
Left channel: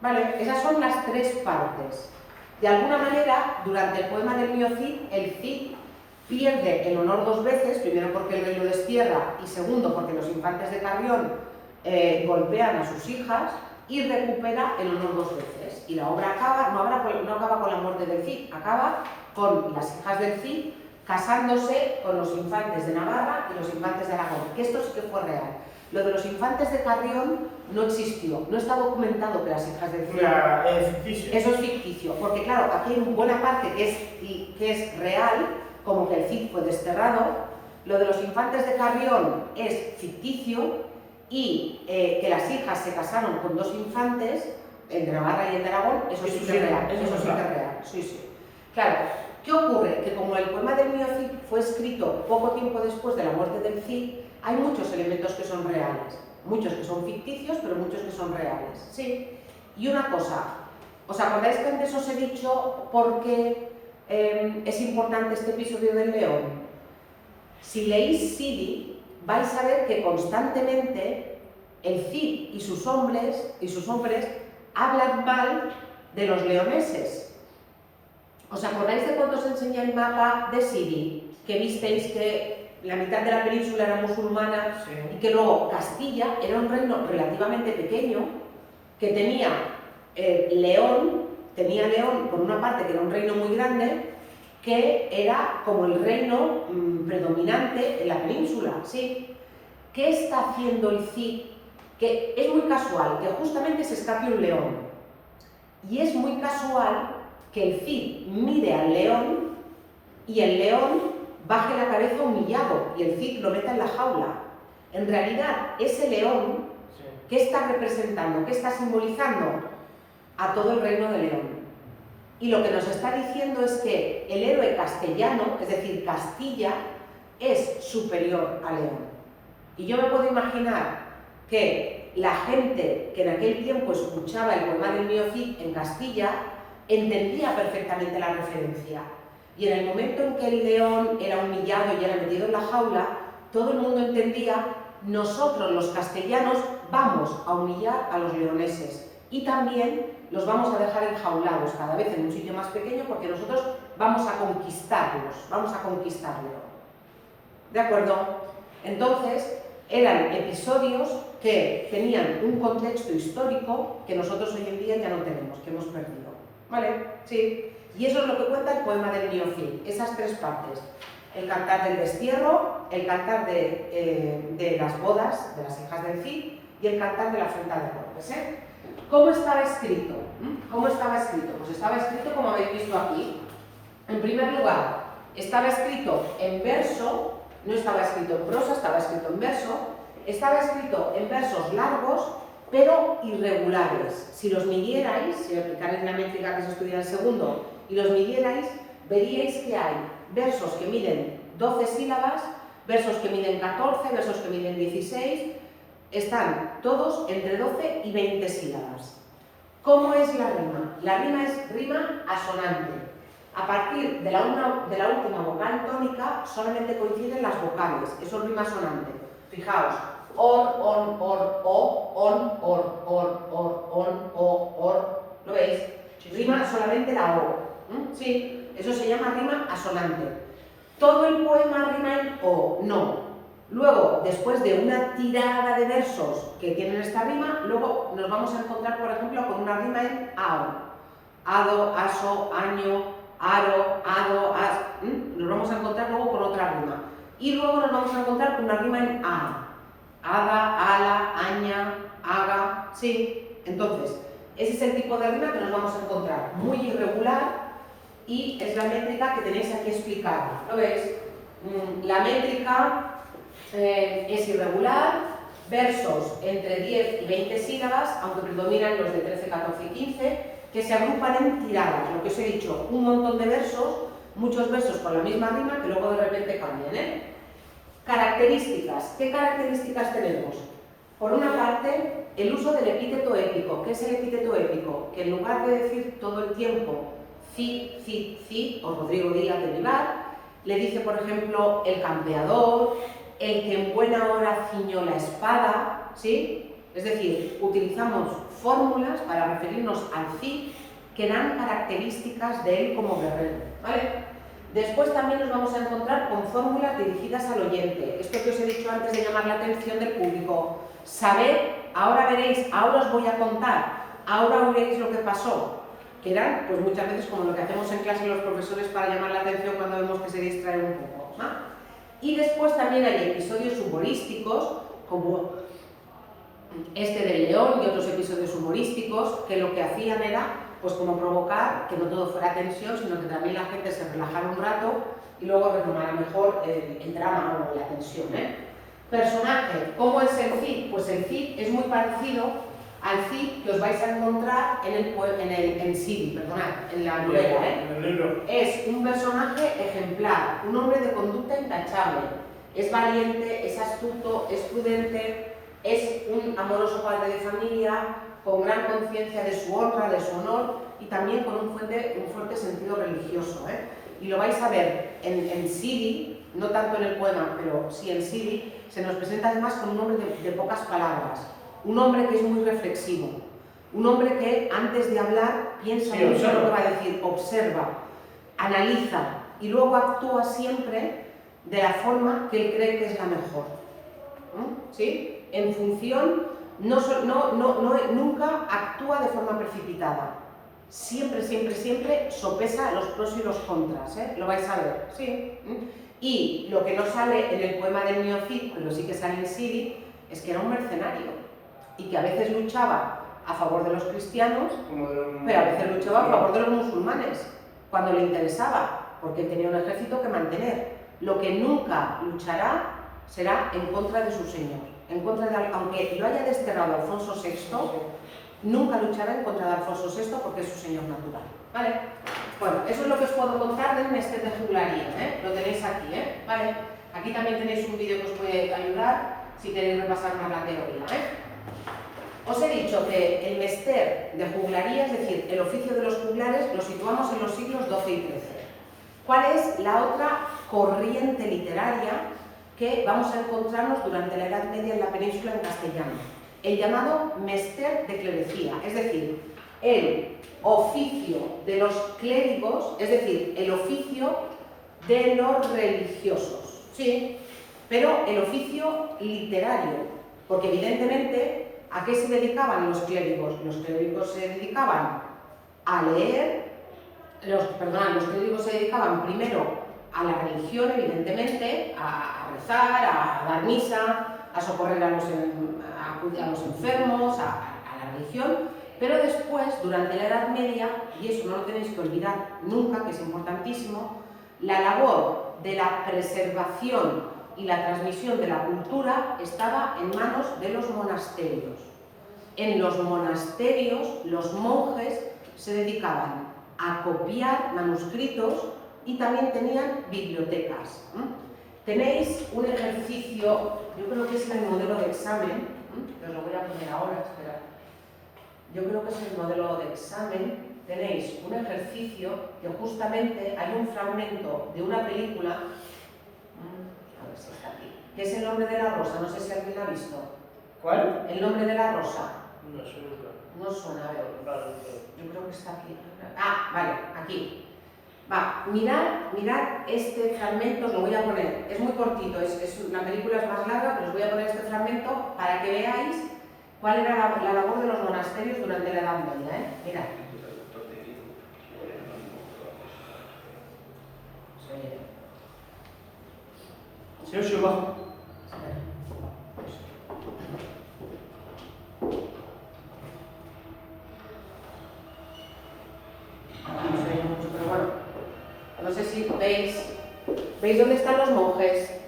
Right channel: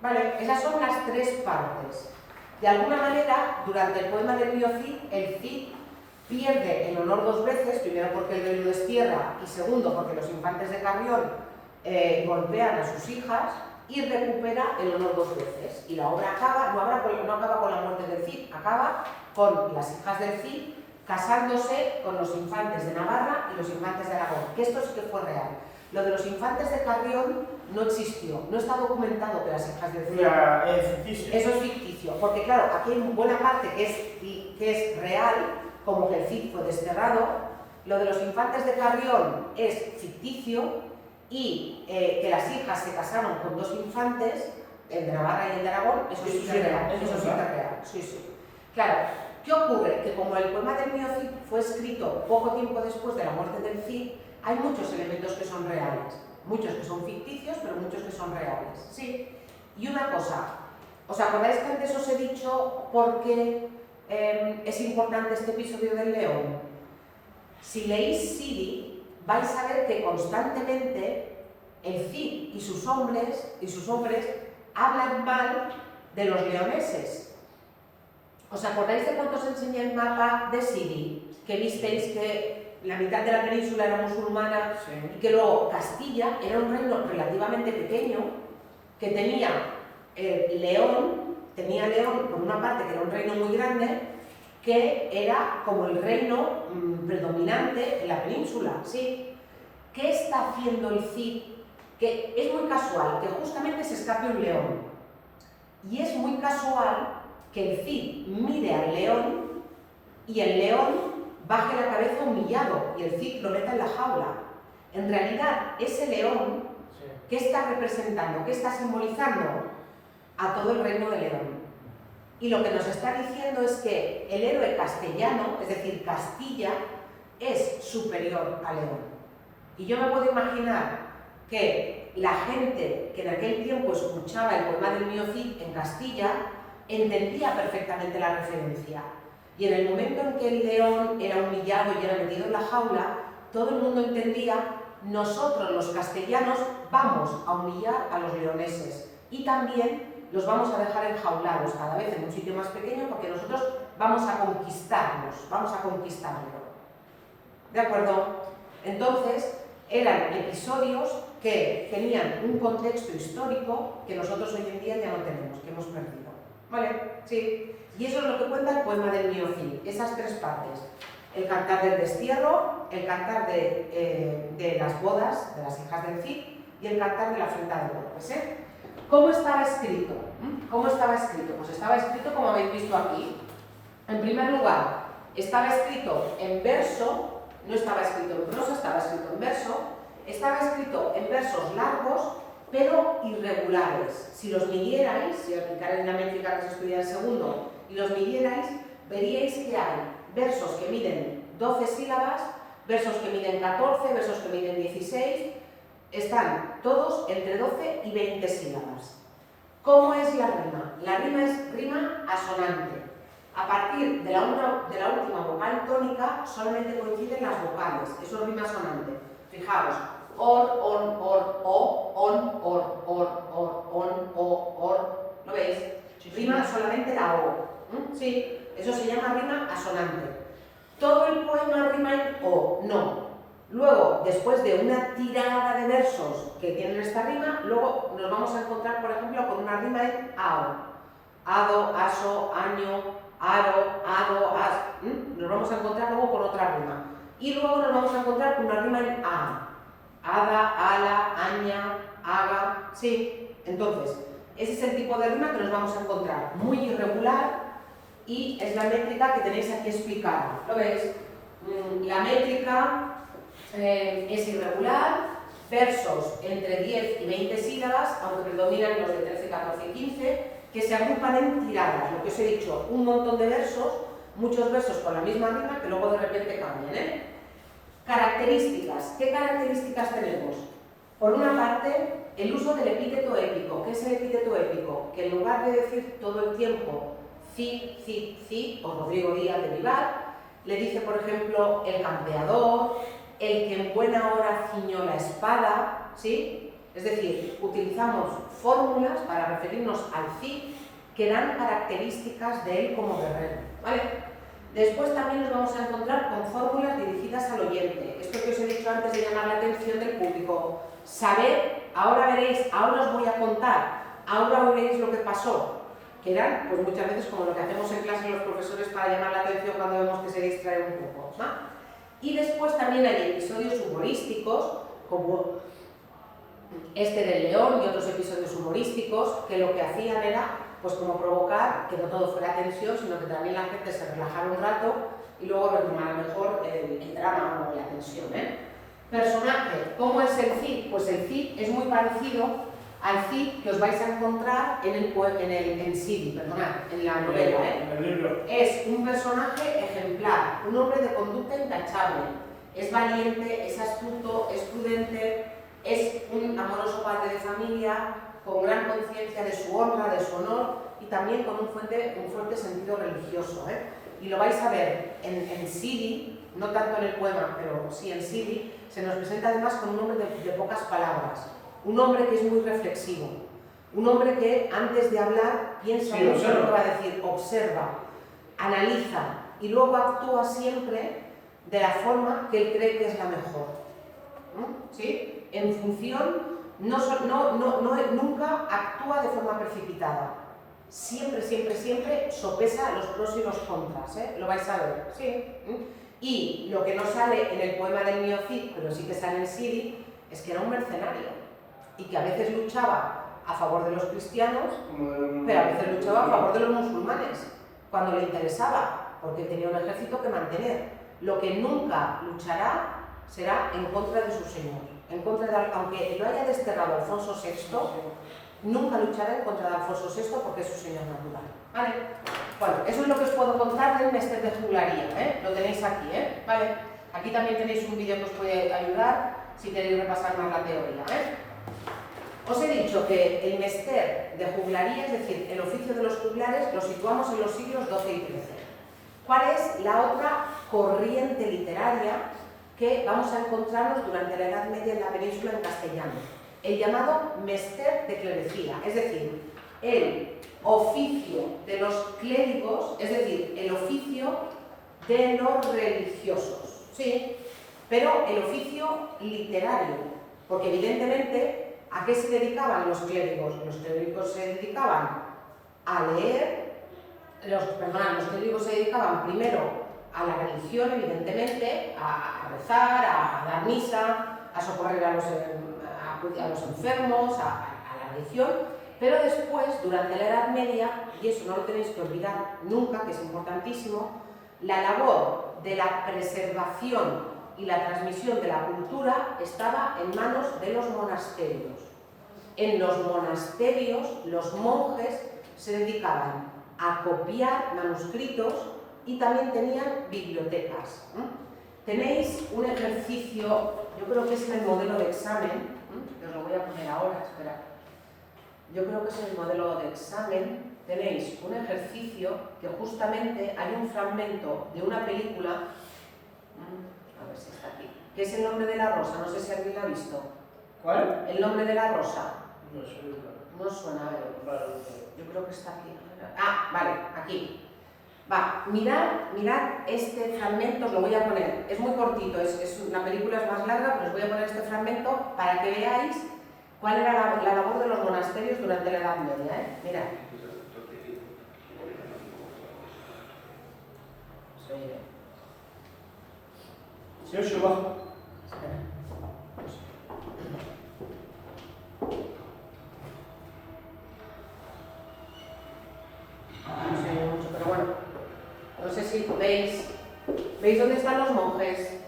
¿Vale? Esas son las 3 partes. De alguna manera, durante el poema del niño Cid, el Cid pierde el honor 2 veces, primero porque el rey lo destierra y segundo porque los infantes de Carrión golpean a sus hijas y recupera el honor 2 veces. Y la obra acaba, no acaba con la muerte del Cid, acaba con las hijas del Cid casándose con los infantes de Navarra y los infantes de Aragón, que esto sí que fue real. Lo de los infantes de Carrión no existió, no está documentado que las hijas del Cid... Es ficticio. Eso es ficticio, porque claro, aquí hay buena parte que es real, como que el Cid fue desterrado. Lo de los infantes de Carrión es ficticio y que las hijas se casaron con 2 infantes, el de Navarra y el de Aragón, eso sí que es real. Eso sí que es real, sí, sí. Claro, ¿qué ocurre? Que como el poema del niño Cid fue escrito poco tiempo después de la muerte del Cid, hay muchos elementos que son reales, muchos que son ficticios, pero muchos que son reales. Sí. Y una cosa, ¿os acordáis que antes os he dicho por qué es importante este episodio del león? Si leéis Sidi, vais a ver que constantemente el Cid y sus hombres hablan mal de los leoneses. ¿Os acordáis de cuando os enseñé el mapa de Sidi? Que visteis que la mitad de la península era musulmana, sí, y que luego Castilla era un reino relativamente pequeño que tenía León por una parte, que era un reino muy grande, que era como el reino predominante en la península, ¿sí? ¿Qué está haciendo el Cid? Que es muy casual que justamente se escape un león. Y es muy casual que el Cid mire al león y el león baje la cabeza humillado y el Cid lo meta en la jaula. En realidad, ese león, ¿qué está representando? ¿Qué está simbolizando? A todo el reino de León. Y lo que nos está diciendo es que el héroe castellano, es decir, Castilla, es superior a León. Y yo me puedo imaginar que la gente que en aquel tiempo escuchaba el poema del niño Cid en Castilla entendía perfectamente la referencia. Y en el momento en que el león era humillado y era metido en la jaula, todo el mundo entendía: nosotros los castellanos vamos a humillar a los leoneses y también los vamos a dejar enjaulados cada vez en un sitio más pequeño porque nosotros vamos a conquistarlos, vamos a conquistarlo. ¿De acuerdo? Entonces, eran episodios que tenían un contexto histórico que nosotros hoy en día ya no tenemos, que hemos perdido. ¿Vale? Sí. Y eso es lo que cuenta el poema del niño Cid, esas 3 partes. El cantar del destierro, el cantar de las bodas de las hijas del Cid y el cantar de la afrenta de Corpes. ¿Cómo estaba escrito? ¿Cómo estaba escrito? Pues estaba escrito como habéis visto aquí. En primer lugar, estaba escrito en verso, no estaba escrito en prosa, estaba escrito en verso. Estaba escrito en versos largos, pero irregulares. Si los midierais, si aplicarais la métrica que se estudia en el segundo, y los midierais, veríais que hay versos que miden 12 sílabas, versos que miden 14, versos que miden 16, están todos entre 12 y 20 sílabas. ¿Cómo es la rima? La rima es rima asonante. A partir de la última vocal tónica solamente coinciden las vocales, eso es rima asonante. Fijaos, or, on, o, on, or. ¿Lo veis? Rima solamente la o. Sí, eso se llama rima asonante. ¿Todo el poema rima en o? No. Luego, después de una tirada de versos que tienen esta rima, luego nos vamos a encontrar, por ejemplo, con una rima en ao. Ado, aso, año, aro, ado, as. Nos vamos a encontrar luego con otra rima. Y luego nos vamos a encontrar con una rima en a. Ada, ala, aña, haga. Sí. Entonces, ese es el tipo de rima que nos vamos a encontrar. Muy irregular y es la métrica que tenéis aquí explicada. ¿Lo veis? La métrica es irregular, versos entre 10 y 20 sílabas, aunque predominan los de 13, 14 y 15, que se agrupan en tiradas, lo que os he dicho, un montón de versos, muchos versos con la misma rima que luego de repente cambian. Características. ¿Qué características tenemos? Por una parte, el uso del epíteto épico. ¿Qué es el epíteto épico? Que en lugar de decir todo el tiempo Cid, o Rodrigo Díaz de Vivar, le dice, por ejemplo, el campeador, el que en buena hora ciñó la espada, ¿sí? Es decir, utilizamos fórmulas para referirnos al Cid que dan características de él como guerrero, ¿vale? Después también nos vamos a encontrar con fórmulas dirigidas al oyente. Esto que os he dicho antes de llamar la atención del público. Saber, ahora veréis, ahora os voy a contar, ahora oiréis lo que pasó. Que eran, pues muchas veces como lo que hacemos en clase los profesores para llamar la atención cuando vemos que se distrae un poco, ¿no? Y después también hay episodios humorísticos, como este del león y otros episodios humorísticos, que lo que hacían era, pues como provocar que no todo fuera tensión, sino que también la gente se relajara un rato y luego retomara mejor el drama o la tensión. Personaje, ¿cómo es el Cid? Pues el Cid es muy parecido al Cid que os vais a encontrar en Sidi, perdonad, en la novela. En el libro. Es un personaje ejemplar, un hombre de conducta intachable. Es valiente, es astuto, es prudente, es un amoroso padre de familia, con gran conciencia de su honra, de su honor y también con un fuerte sentido religioso. Y lo vais a ver en Sidi, no tanto en el poema, pero sí en Sidi, se nos presenta además con un hombre de pocas palabras. Un hombre que es muy reflexivo, un hombre que antes de hablar piensa mucho lo que va a decir, observa, analiza y luego actúa siempre de la forma que él cree que es la mejor. ¿Sí? En función, nunca actúa de forma precipitada. Siempre sopesa los pros y los contras, lo vais a ver. ¿Sí? Y lo que no sale en el poema del mío Cid, pero sí que sale en Sidi, es que era un mercenario. Y que a veces luchaba a favor de los cristianos, pero a veces luchaba a favor de los musulmanes, cuando le interesaba, porque tenía un ejército que mantener. Lo que nunca luchará será en contra de su señor, en contra de, aunque lo haya desterrado Alfonso VI, nunca luchará en contra de Alfonso VI porque es su señor natural. ¿Vale? Bueno, eso es lo que os puedo contar del Mester de Juglaría, lo tenéis aquí, ¿vale? Aquí también tenéis un vídeo que os puede ayudar si queréis repasar más la teoría, Os he dicho que el Mester de Juglaría, es decir, el oficio de los juglares, lo situamos en los siglos XII y XIII. ¿Cuál es la otra corriente literaria que vamos a encontrarnos durante la Edad Media en la península en castellano? El llamado Mester de Clerecía, es decir, el oficio de los clérigos, es decir, el oficio de los religiosos, ¿sí? Pero el oficio literario, porque evidentemente, ¿a qué se dedicaban los clérigos? Los clérigos se dedicaban a leer, los clérigos se dedicaban primero a la religión, evidentemente, a rezar, a dar misa, a socorrer a los enfermos, a la religión, pero después, durante la Edad Media, y eso no lo tenéis que olvidar nunca, que es importantísimo, la labor de la preservación y la transmisión de la cultura estaba en manos de los monasterios. En los monasterios, los monjes se dedicaban a copiar manuscritos y también tenían bibliotecas. tenéis un ejercicio, yo creo que es el modelo de examen, que os lo voy a poner ahora, espera. Yo creo que es el modelo de examen. Tenéis un ejercicio que justamente hay un fragmento de una película, a ver si está aquí, que es El nombre de la rosa, no sé si alguien la ha visto. ¿Cuál? El nombre de la rosa. No, seguro. No suena, a ver. Vale, Yo creo que está aquí. Ah, vale, aquí. Va, mirad este fragmento, os lo voy a poner. Es muy cortito, la película es más larga, pero os voy a poner este fragmento para que veáis cuál era la labor de los monasterios durante la Edad Media. Mirad. Se oye bajo. No sé mucho, pero bueno. No sé si veis dónde están los monjes.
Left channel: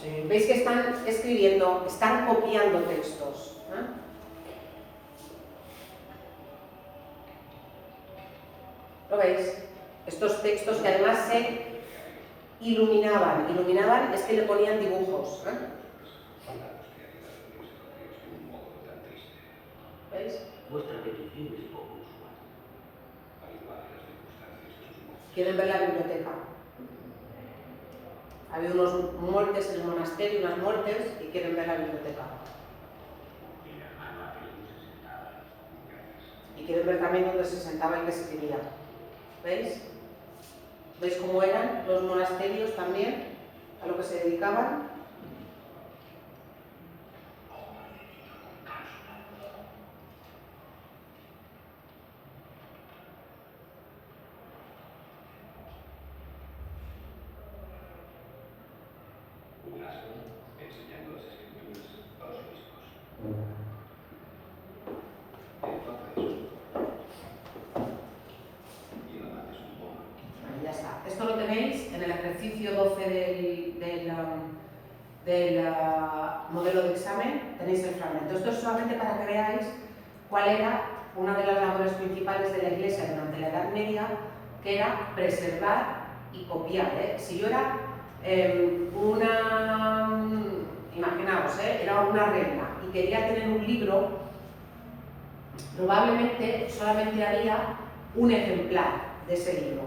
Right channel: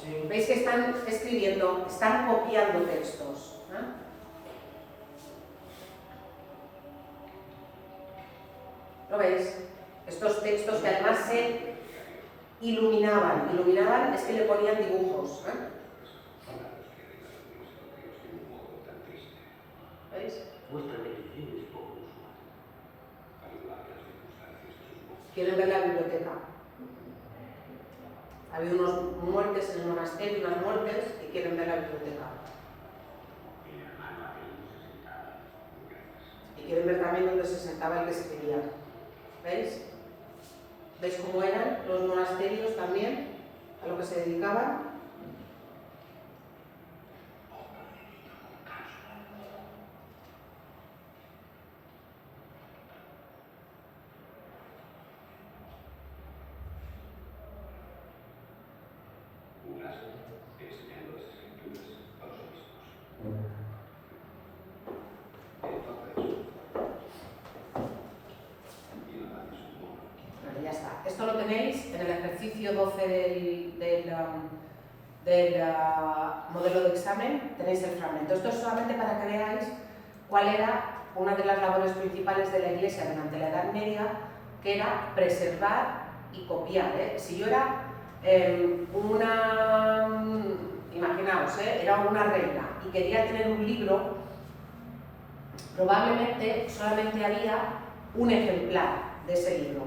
Sí. Veis que están escribiendo, están copiando textos. ¿Lo veis? Estos textos que además se iluminaban. Iluminaban es que le ponían dibujos. ¿Veis? ¿Quieren ver la biblioteca? Ha habido unas muertes en el monasterio, unas muertes, y quieren ver la biblioteca. Y quieren ver también dónde se sentaba el que escribía. ¿Veis? ¿Veis cómo eran los monasterios también? A lo que se dedicaban. Ya está. Esto lo tenéis en el ejercicio 12 del modelo de examen, tenéis el fragmento. Esto es solamente para que veáis cuál era una de las labores principales de la Iglesia durante la Edad Media, que era preservar y copiar. Si yo era imaginaos, era una reina y quería tener un libro, probablemente solamente había un ejemplar de ese libro.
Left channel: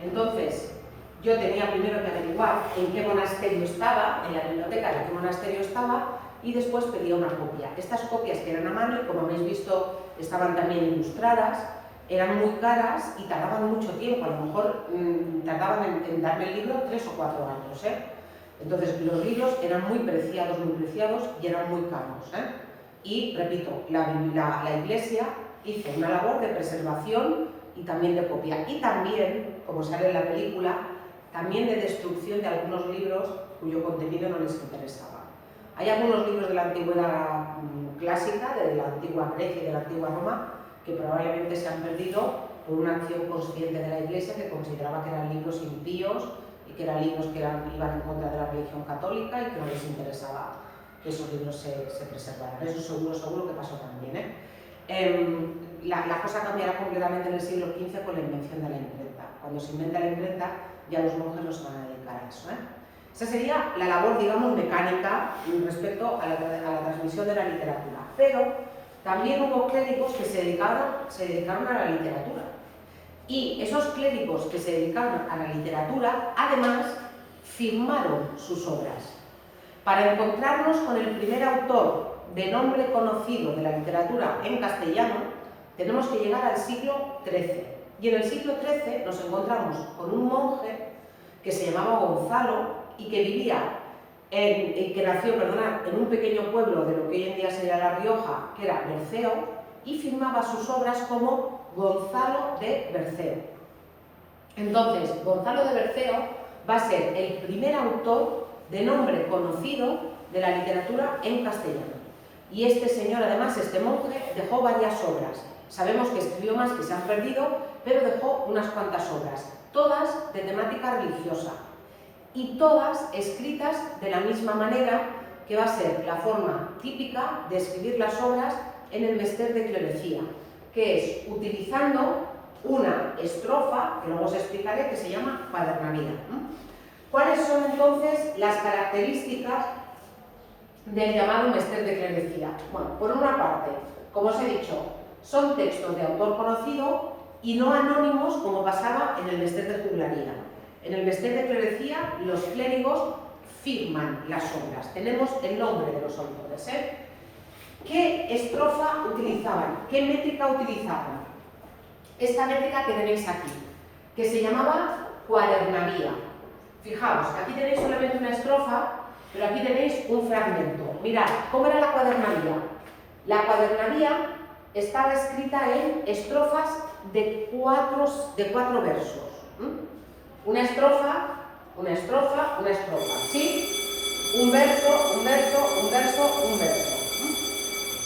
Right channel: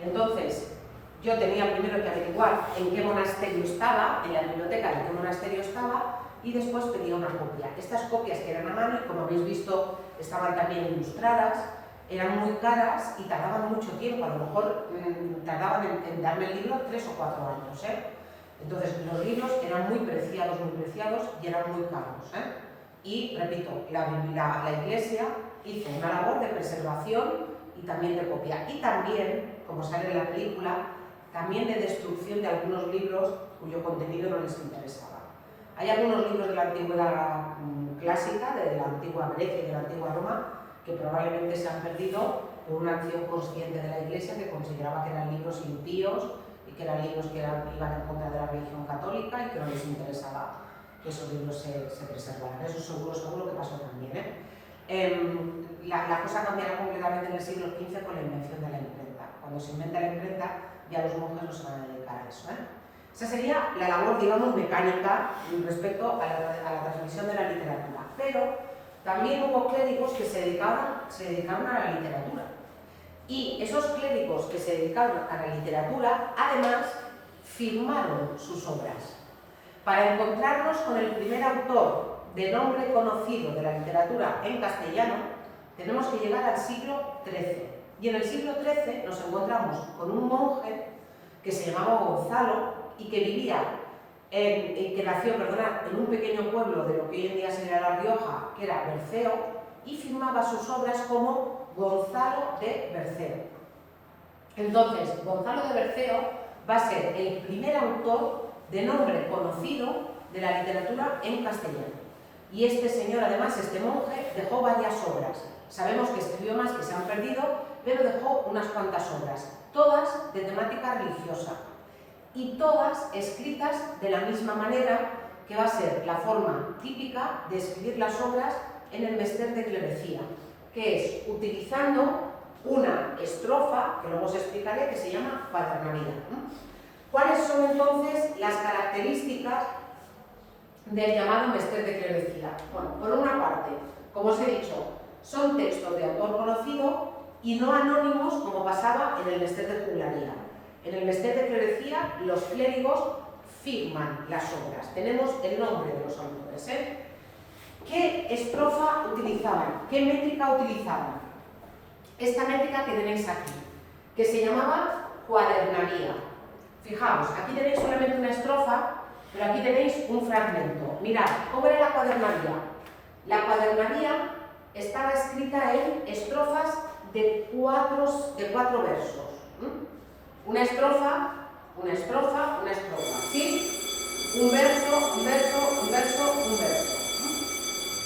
Entonces, yo tenía primero que averiguar en qué monasterio estaba, en la biblioteca de qué monasterio estaba, y después pedía una copia. Estas copias que eran a mano, y como habéis visto, estaban también ilustradas, eran muy caras y tardaban mucho tiempo. A lo mejor tardaban en darme el libro 3 o 4 años. Entonces, los libros eran muy preciados y eran muy caros. Y, repito, la Iglesia hizo una labor de preservación y también de copia. Y también, como sale en la película, también de destrucción de algunos libros cuyo contenido no les interesaba. Hay algunos libros de la antigüedad clásica, de la antigua Grecia y de la antigua Roma, que probablemente se han perdido por una acción consciente de la Iglesia, que consideraba que eran libros impíos y que eran libros que iban en contra de la religión católica y que no les interesaba que esos libros se preservaran. Eso seguro que pasó también. La cosa cambiará completamente en el siglo XV con la invención de la imprenta. Cuando se inventa la imprenta, ya los monjes no se van a dedicar a eso. Esa sería la labor, digamos, mecánica respecto a la transmisión de la literatura. Pero también hubo clérigos que se dedicaron a la literatura. Y esos clérigos que se dedicaron a la literatura, además, firmaron sus obras. Para encontrarnos con el primer autor de nombre conocido de la literatura en castellano, tenemos que llegar al siglo XIII. Y en el siglo XIII nos encontramos con un monje que se llamaba Gonzalo y que vivía, que nació en un pequeño pueblo de lo que hoy en día sería La Rioja, que era Berceo, y firmaba sus obras como Gonzalo de Berceo. Entonces, Gonzalo de Berceo va a ser el primer autor de nombre conocido de la literatura en castellano. Y este señor, además, este monje, dejó varias obras. Sabemos que escribió más que se han perdido, pero dejó unas cuantas obras, todas de temática religiosa y todas escritas de la misma manera que va a ser la forma típica de escribir las obras en el mester de clerecía, que es utilizando una estrofa, que luego os explicaré, que se llama cuadernavía. ¿Cuáles son entonces las características del llamado Mester de Clerecía? Bueno, por una parte, como os he dicho, son textos de autor conocido y no anónimos como pasaba en el Mester de Juglaría. En el Mester de Clerecía los clérigos firman las obras, tenemos el nombre de los autores. ¿Qué estrofa utilizaban? ¿Qué métrica utilizaban? Esta métrica que tenéis aquí, que se llamaba cuadernavía. Fijaos, aquí tenéis solamente una estrofa, pero aquí tenéis un fragmento. Mirad, ¿cómo era la cuadernavía? La cuadernavía estaba escrita en estrofas de cuatro versos. Una estrofa, una estrofa, una estrofa, ¿sí? Un verso, un verso, un verso, un verso.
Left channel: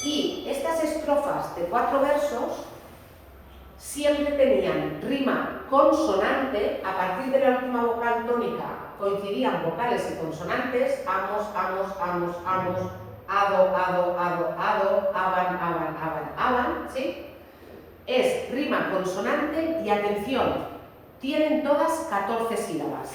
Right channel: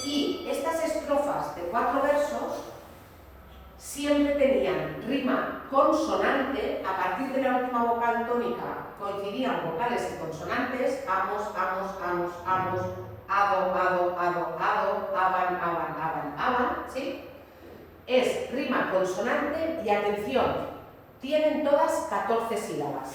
Y estas estrofas de 4 versos siempre tenían rima consonante. A partir de la última vocal tónica coincidían vocales y consonantes: amos, amos, amos, amos, ado, ado, ado, ado, aban, aban, aban, aban, ¿sí? Es rima consonante y, atención, tienen todas 14 sílabas.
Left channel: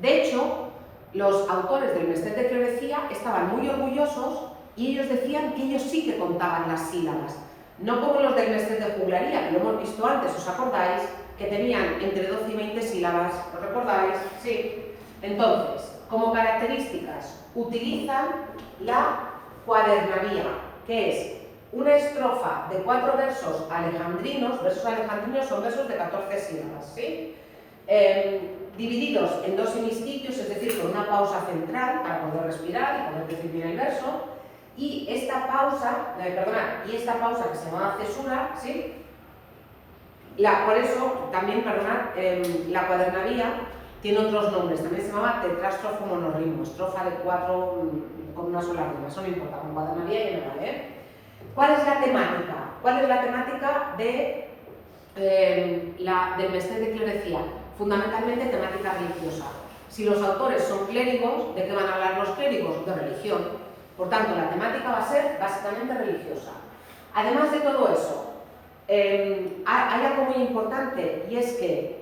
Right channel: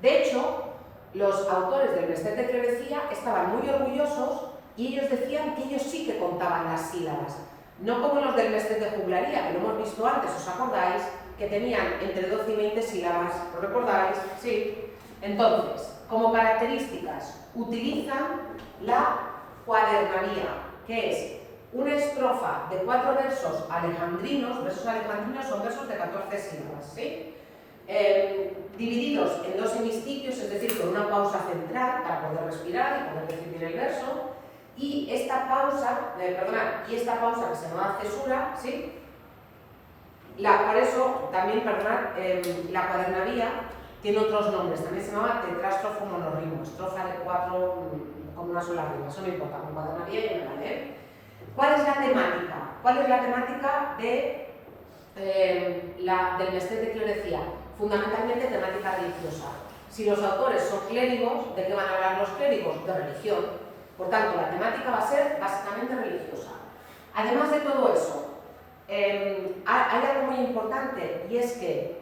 De hecho, los autores del Mester de Clerecía estaban muy orgullosos y ellos decían que ellos sí que contaban las sílabas. No como los del Mester de Juglaría, que lo hemos visto antes, ¿os acordáis? Que tenían entre 12 y 20 sílabas, ¿os recordáis? Sí. Entonces, como características, utilizan la cuadernavía, que es una estrofa de 4 versos alejandrinos. Versos alejandrinos son versos de 14 sílabas, ¿sí? Divididos en 2 hemistiquios, es decir, con una pausa central para poder respirar y poder definir el verso. Y esta pausa, esta pausa que se llama cesura, ¿sí? Por eso, también, la cuadernavía tiene otros nombres. También se llama tetrástrofo monorrimo, estrofa de 4 con una sola rima. Eso no importa, con cuadernavía ya me vale. ¿Cuál es la temática? ¿Cuál es la temática del Mester de Clerecía? Fundamentalmente temática religiosa. Si los autores son clérigos, ¿de qué van a hablar los clérigos? De religión. Por tanto, la temática va a ser básicamente religiosa. Además de todo eso, hay algo muy importante, y es que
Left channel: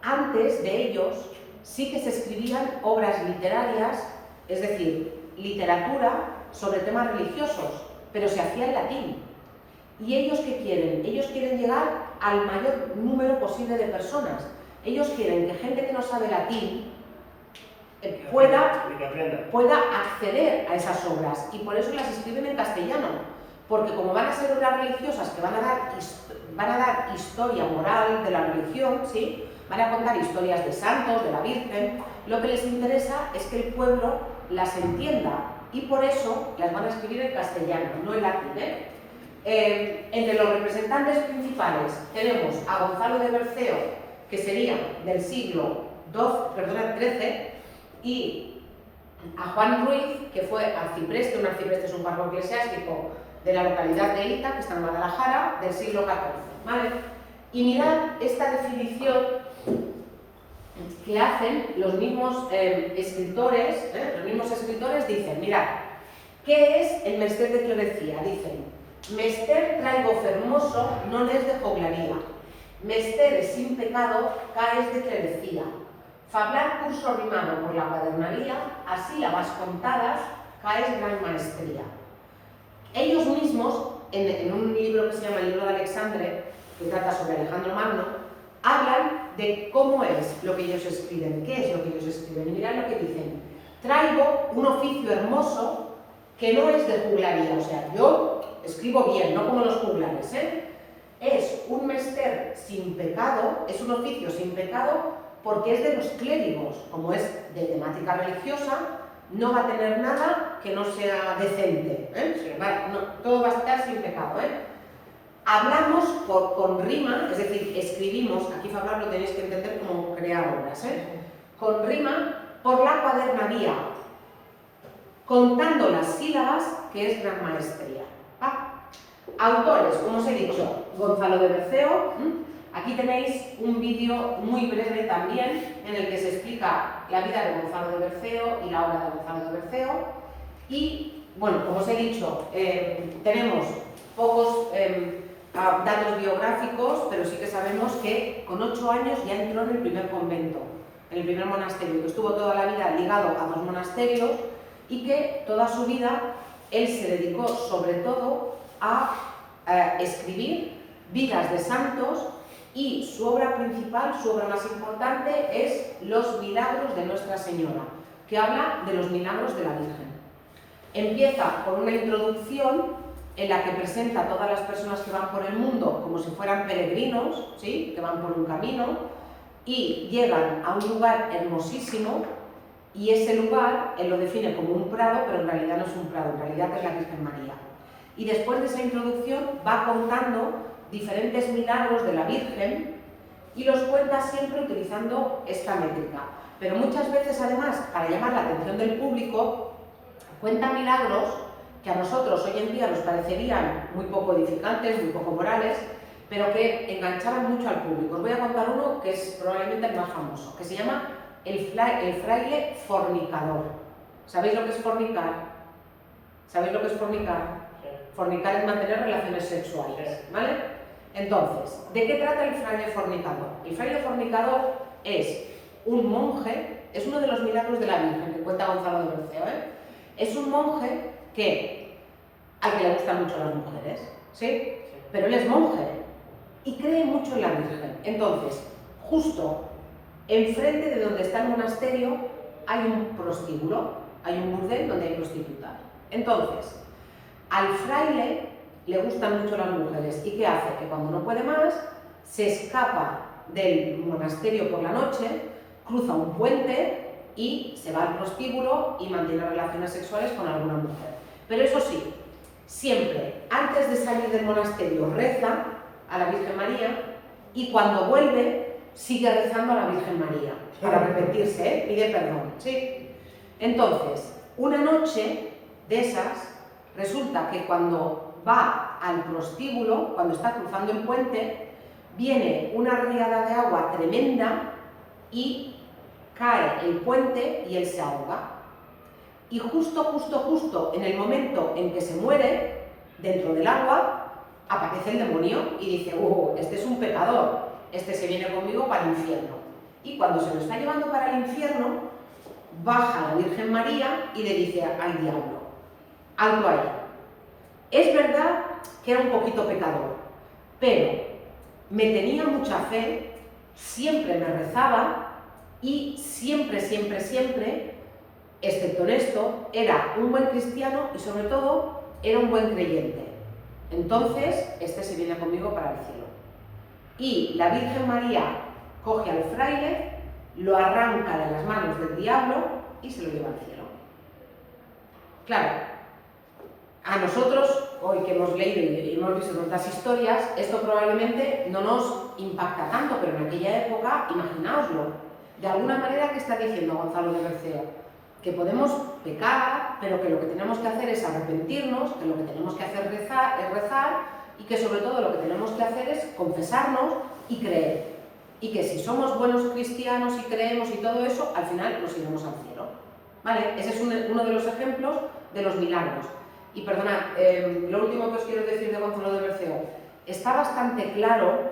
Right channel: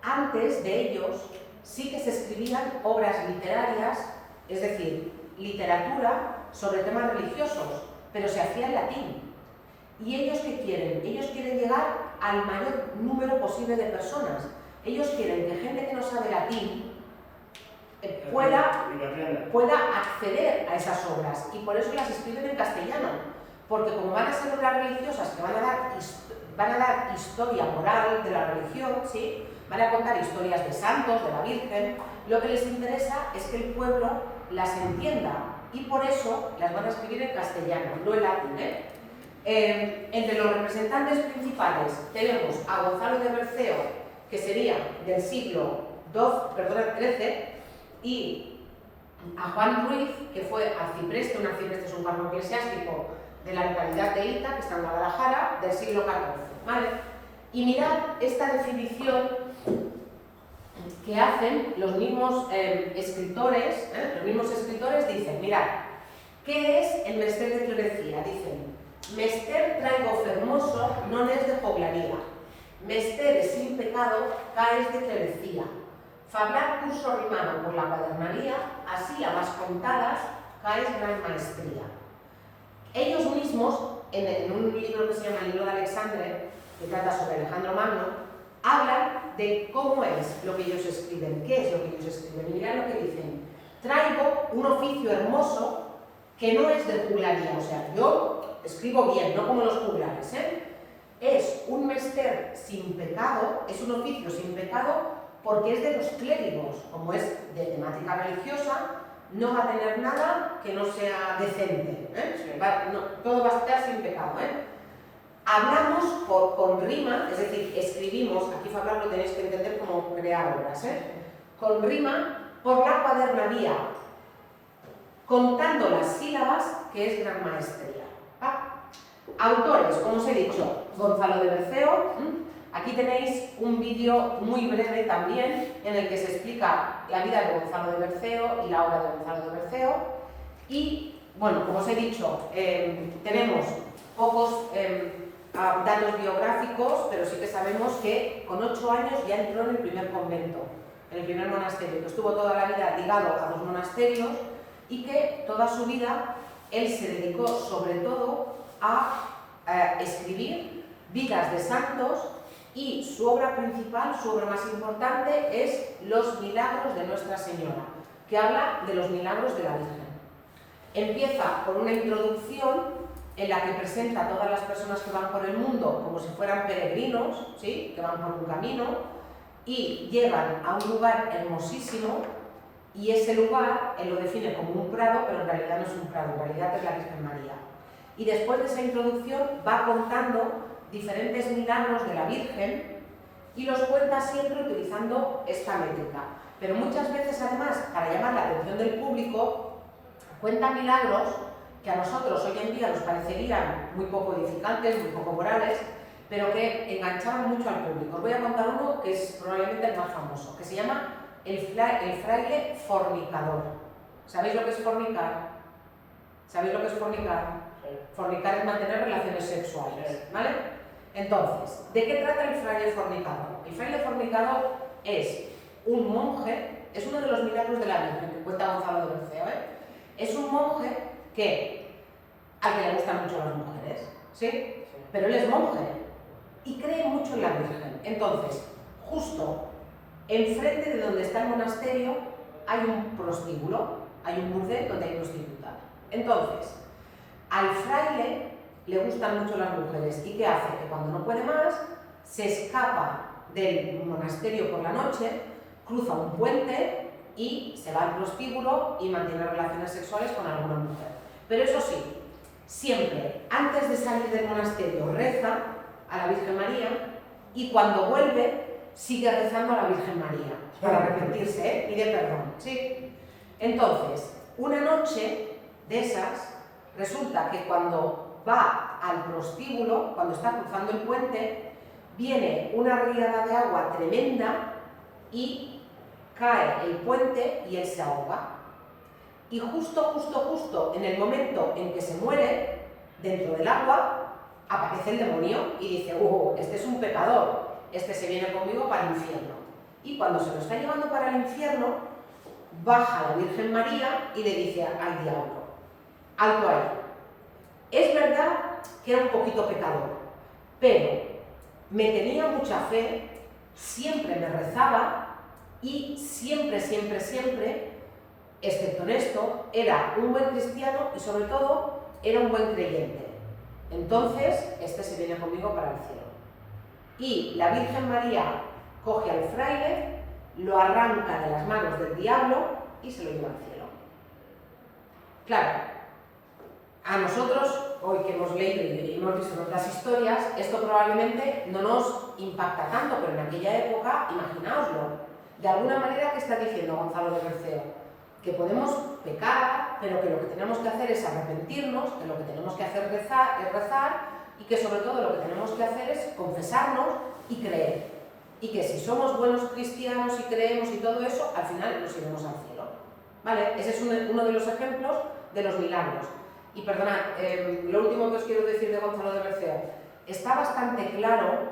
antes de ellos sí que se escribían obras literarias, es decir, literatura sobre temas religiosos, pero se hacía en latín. ¿Y ellos qué quieren? Ellos quieren llegar al mayor número posible de personas. Ellos quieren que gente que no sabe latín pueda acceder a esas obras, y por eso las escriben en castellano, porque como van a ser obras religiosas que van a dar historia moral de la religión, ¿sí? Van a contar historias de santos, de la Virgen, lo que les interesa es que el pueblo las entienda, y por eso las van a escribir en castellano, no en latín. Entre los representantes principales tenemos a Gonzalo de Berceo, que sería del siglo XIII, y a Juan Ruiz, que fue arcipreste. Un arcipreste es un cargo eclesiástico de la localidad de Ita, que está en Guadalajara, del siglo XIV. ¿Vale? Y mirad esta definición que hacen los mismos escritores. Los mismos escritores dicen, mirad, ¿qué es el Mester de Clerecía? Dicen: Mester traigo fermoso, non es de joglaría. Mester sin pecado, caes de Clerecía. Fablar curso rimado por la cuadernavía, a sílabas contadas, caes gran maestría. Ellos mismos, en un libro que se llama el Libro de Alexandre, que trata sobre Alejandro Magno, hablan de cómo es lo que ellos escriben, qué es lo que ellos escriben. Y mirad lo que dicen: traigo un oficio hermoso que no es de juglaría, o sea, yo escribo bien, no como los juglares, Es un mester sin pecado, es un oficio sin pecado, porque es de los clérigos. Como es de temática religiosa, no va a tener nada que no sea decente, todo va a estar sin pecado. Hablamos con rima, es decir, escribimos, aquí Fablar lo tenéis que entender como crear obras, con rima por la cuadernavía, contando las sílabas, que es gran maestría. Autores, como os he dicho, Gonzalo de Berceo. Aquí tenéis un vídeo muy breve también, en el que se explica la vida de Gonzalo de Berceo y la obra de Gonzalo de Berceo. Y, bueno, como os he dicho, tenemos pocos datos biográficos, pero sí que sabemos que con 8 años ya entró en el primer convento. en el primer monasterio, que estuvo toda la vida ligado a 2 monasterios y que toda su vida él se dedicó sobre todo a escribir vidas de santos, y su obra principal, su obra más importante es Los Milagros de Nuestra Señora, que habla de los milagros de la Virgen. Empieza con una introducción en la que presenta a todas las personas que van por el mundo como si fueran peregrinos, ¿sí?, que van por un camino, y llegan a un lugar hermosísimo, y ese lugar él lo define como un prado, pero en realidad no es un prado, en realidad es la Virgen María. Y después de esa introducción va contando diferentes milagros de la Virgen y los cuenta siempre utilizando esta métrica. Pero muchas veces, además, para llamar la atención del público, cuenta milagros que a nosotros hoy en día nos parecerían muy poco edificantes, muy poco morales, pero que enganchaban mucho al público. Os voy a contar uno que es probablemente el más famoso, que se llama el fraile fornicador. ¿Sabéis lo que es fornicar? ¿Sabéis lo que es fornicar? Fornicar es mantener relaciones sexuales, ¿vale? Entonces, ¿de qué trata el fraile fornicador? El fraile fornicador es un monje, es uno de los milagros de la Virgen que cuenta Gonzalo de Berceo, ¿eh? Es un monje al que le gustan mucho las mujeres, ¿sí? Pero él es monje y cree mucho en la Virgen. Entonces, justo enfrente de donde está el monasterio hay un prostíbulo, hay un burdel donde hay prostitutas. Entonces, al fraile le gustan mucho las mujeres. ¿Y qué hace? Que cuando no puede más, se escapa del monasterio por la noche, cruza un puente y se va al prostíbulo y mantiene relaciones sexuales con alguna mujer. Pero eso sí, siempre antes de salir del monasterio reza a la Virgen María, y cuando vuelve sigue rezando a la Virgen María para arrepentirse, ¿eh? Pide perdón, ¿sí? Entonces, una noche de esas, resulta que cuando va al prostíbulo, cuando está cruzando el puente, viene una riada de agua tremenda y cae el puente y él se ahoga. Y justo en el momento en que se muere, dentro del agua, aparece el demonio y dice: este es un pecador, este se viene conmigo para el infierno. Y cuando se lo está llevando para el infierno, baja la Virgen María y le dice al diablo: alto ahí. Es verdad que era un poquito pecador, pero me tenía mucha fe, siempre me rezaba y siempre, excepto en esto, era un buen cristiano y sobre todo era un buen creyente. Entonces, este se viene conmigo para el cielo. Y la Virgen María coge al fraile, lo arranca de las manos del diablo y se lo lleva al cielo. Claro, a nosotros, hoy que hemos leído y hemos visto otras historias, esto probablemente no nos impacta tanto, pero en aquella época, imaginaoslo. De alguna manera, ¿qué está diciendo Gonzalo de Berceo? Que podemos pecar, pero que lo que tenemos que hacer es arrepentirnos, que lo que tenemos que hacer es rezar, y que sobre todo lo que tenemos que hacer es confesarnos y creer. Y que si somos buenos cristianos y creemos y todo eso, al final nos iremos al cielo. ¿Vale? Ese es uno de los ejemplos de los milagros. Y perdonad, lo último que os quiero decir de Gonzalo de Berceo, está bastante claro,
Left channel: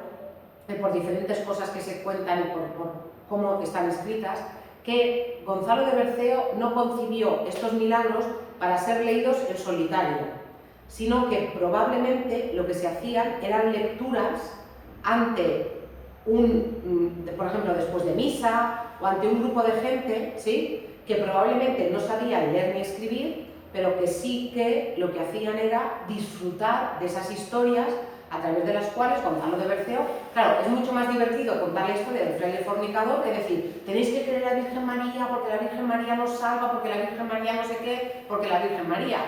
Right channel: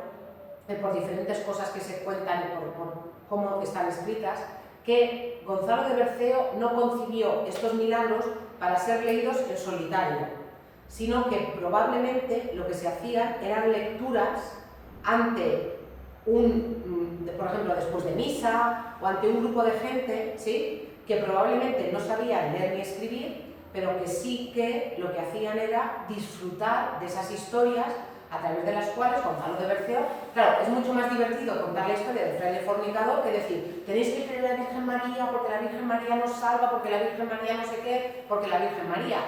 por diferentes cosas que se cuentan y por cómo están escritas, que Gonzalo de Berceo no concibió estos milagros para ser leídos en solitario, sino que probablemente lo que se hacían eran lecturas ante por ejemplo, después de misa o ante un grupo de gente, ¿sí?, que probablemente no sabían leer ni escribir, pero que sí que lo que hacían era disfrutar de esas historias a través de las cuales Gonzalo de Berceo, claro, es mucho más divertido contar la historia del fraile fornicador que decir: tenéis que creer en la Virgen María porque la Virgen María nos salva, porque la Virgen María no sé qué, porque la Virgen María.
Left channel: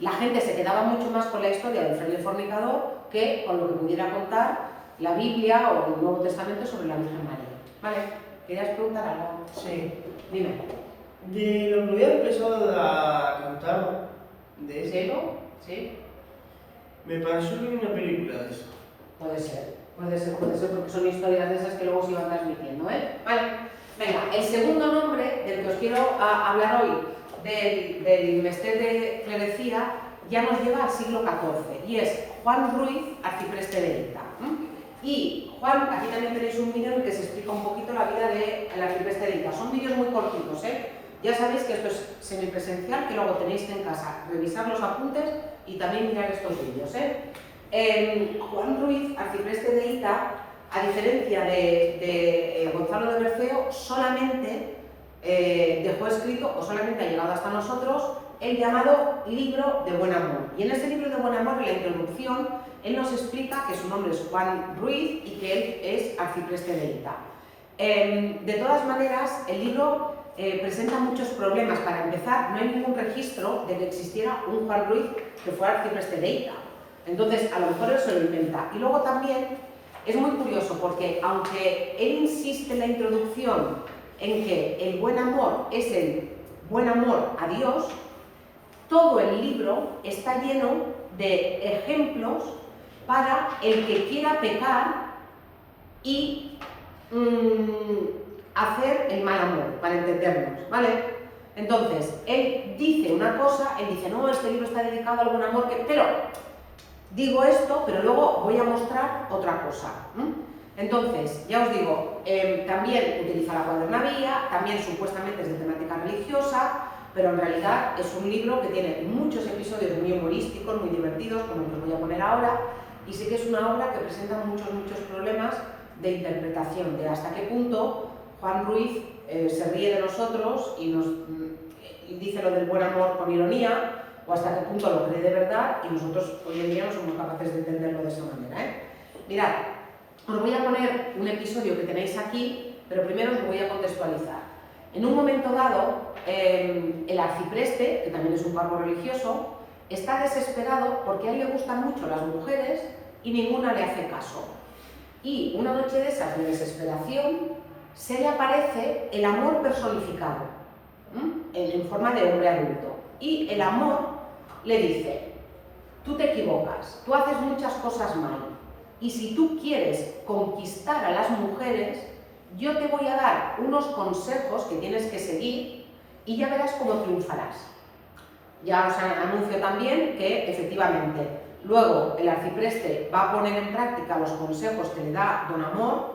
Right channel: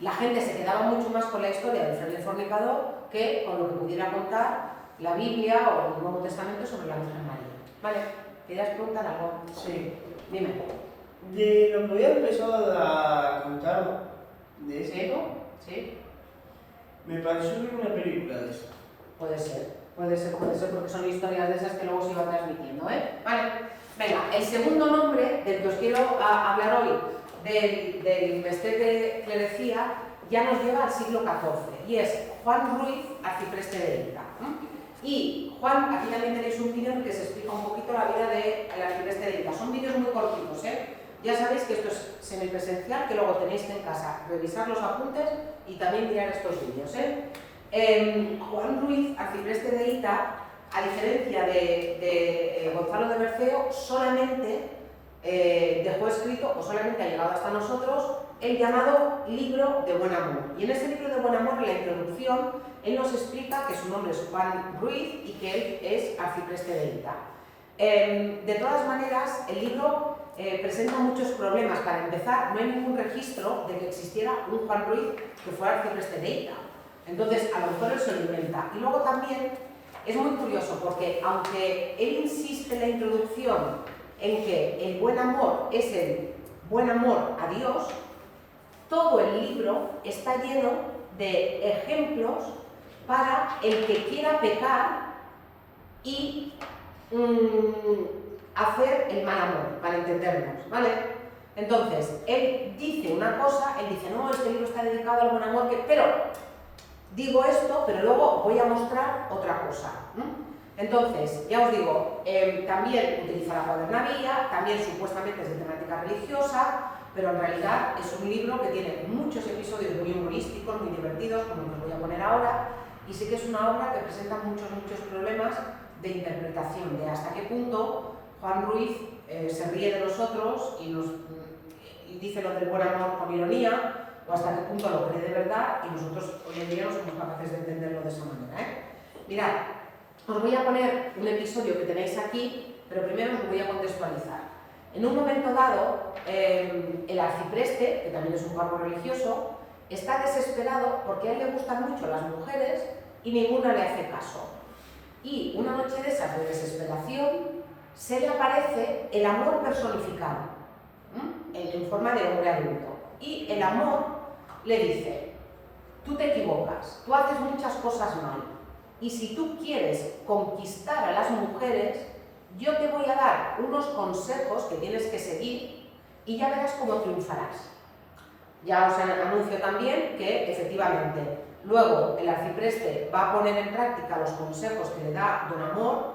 La gente se quedaba mucho más con la historia del fraile fornicador que con lo que pudiera contar la Biblia o el Nuevo Testamento sobre la Virgen María. ¿Vale? ¿Querías preguntar algo? Sí. Dime. De lo que había empezado a contar de esto, ¿Sí? me pareció ver una película de eso. Puede ser, porque son historias de esas que luego se iban transmitiendo, ¿eh? Vale, venga, el segundo nombre del que os quiero hablar hoy, del Mestret de Clerecía, ya nos lleva al siglo XIV, y es Juan Ruiz, arcipreste de Elda. Y Juan, aquí también tenéis un vídeo en el que se explica un poquito la vida del arcipreste de Ita. Son vídeos muy cortitos, ¿eh? Ya sabéis que esto es semipresencial, que luego tenéis que en casa revisar los apuntes y también mirar estos vídeos, ¿eh? Juan Ruiz, arcipreste de Ita, a diferencia de Gonzalo de Berceo, solamente dejó escrito, o solamente ha llegado hasta nosotros, el llamado Libro de Buen Amor. Y en ese Libro de Buen Amor, en la introducción, él nos explica que su nombre es Juan Ruiz y que él es arcipreste de Ita. De todas maneras, el libro presenta muchos problemas. Para empezar, no hay ningún registro de que existiera un Juan Ruiz que fuera arcipreste de Ita. Entonces, a lo mejor él se lo inventa. Y luego también es muy curioso porque, aunque él insiste en la introducción en que el buen amor es el buen amor a Dios, todo el libro está lleno de ejemplos para el que quiera pecar y hacer el mal amor, para entendernos, ¿vale? Entonces, él dice una cosa, él dice, no, este libro está dedicado al buen amor, pero digo esto, pero luego voy a mostrar otra cosa. Entonces, ya os digo, también utiliza la cuadernavía, también supuestamente es de temática religiosa, pero en realidad es un libro que tiene muchos episodios muy humorísticos, muy divertidos, como el que os voy a poner ahora, y sí que es una obra que presenta muchos problemas de interpretación, de hasta qué punto Juan Ruiz se ríe de nosotros y dice lo del buen amor con ironía, o hasta qué punto lo cree de verdad y nosotros hoy en día no somos capaces de entenderlo de esa manera, ¿eh? Mirad, os voy a poner un episodio que tenéis aquí, pero primero os lo voy a contextualizar. En un momento dado, el arcipreste, que también es un cargo religioso, está desesperado porque a él le gustan mucho las mujeres y ninguna le hace caso. Y una noche de esas de desesperación se le aparece el amor personificado, en forma de hombre adulto. Y el amor le dice, tú te equivocas, tú haces muchas cosas mal, y si tú quieres conquistar a las mujeres, yo te voy a dar unos consejos que tienes que seguir y ya verás cómo triunfarás. Ya os anuncio también que, efectivamente, luego el arcipreste va a poner en práctica los consejos que le da Don Amor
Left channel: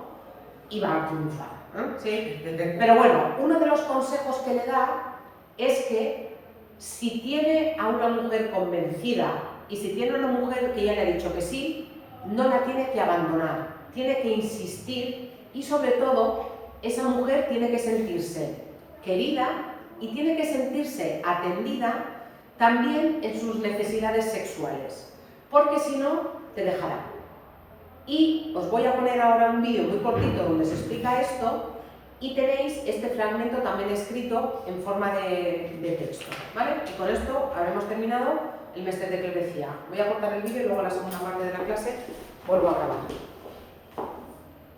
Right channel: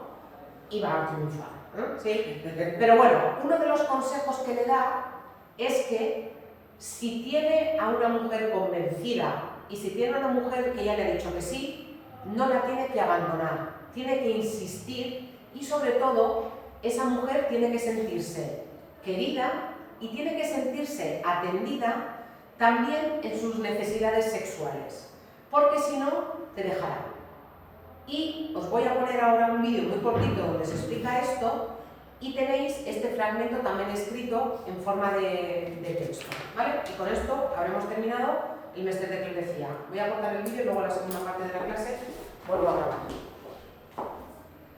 y va a triunfar, ¿no? ¿Sí? Pero bueno, uno de los consejos que le da es que si tiene a una mujer convencida y si tiene a una mujer que ya le ha dicho que sí, no la tiene que abandonar, tiene que insistir y sobre todo esa mujer tiene que sentirse querida y tiene que sentirse atendida también en sus necesidades sexuales, porque si no, te dejará. Y os voy a poner ahora un vídeo muy cortito donde se explica esto y tenéis este fragmento también escrito en forma de texto, ¿vale? Y con esto habremos terminado el Mester de Clerecía. Voy a cortar el vídeo y luego la segunda parte de la clase vuelvo a grabar.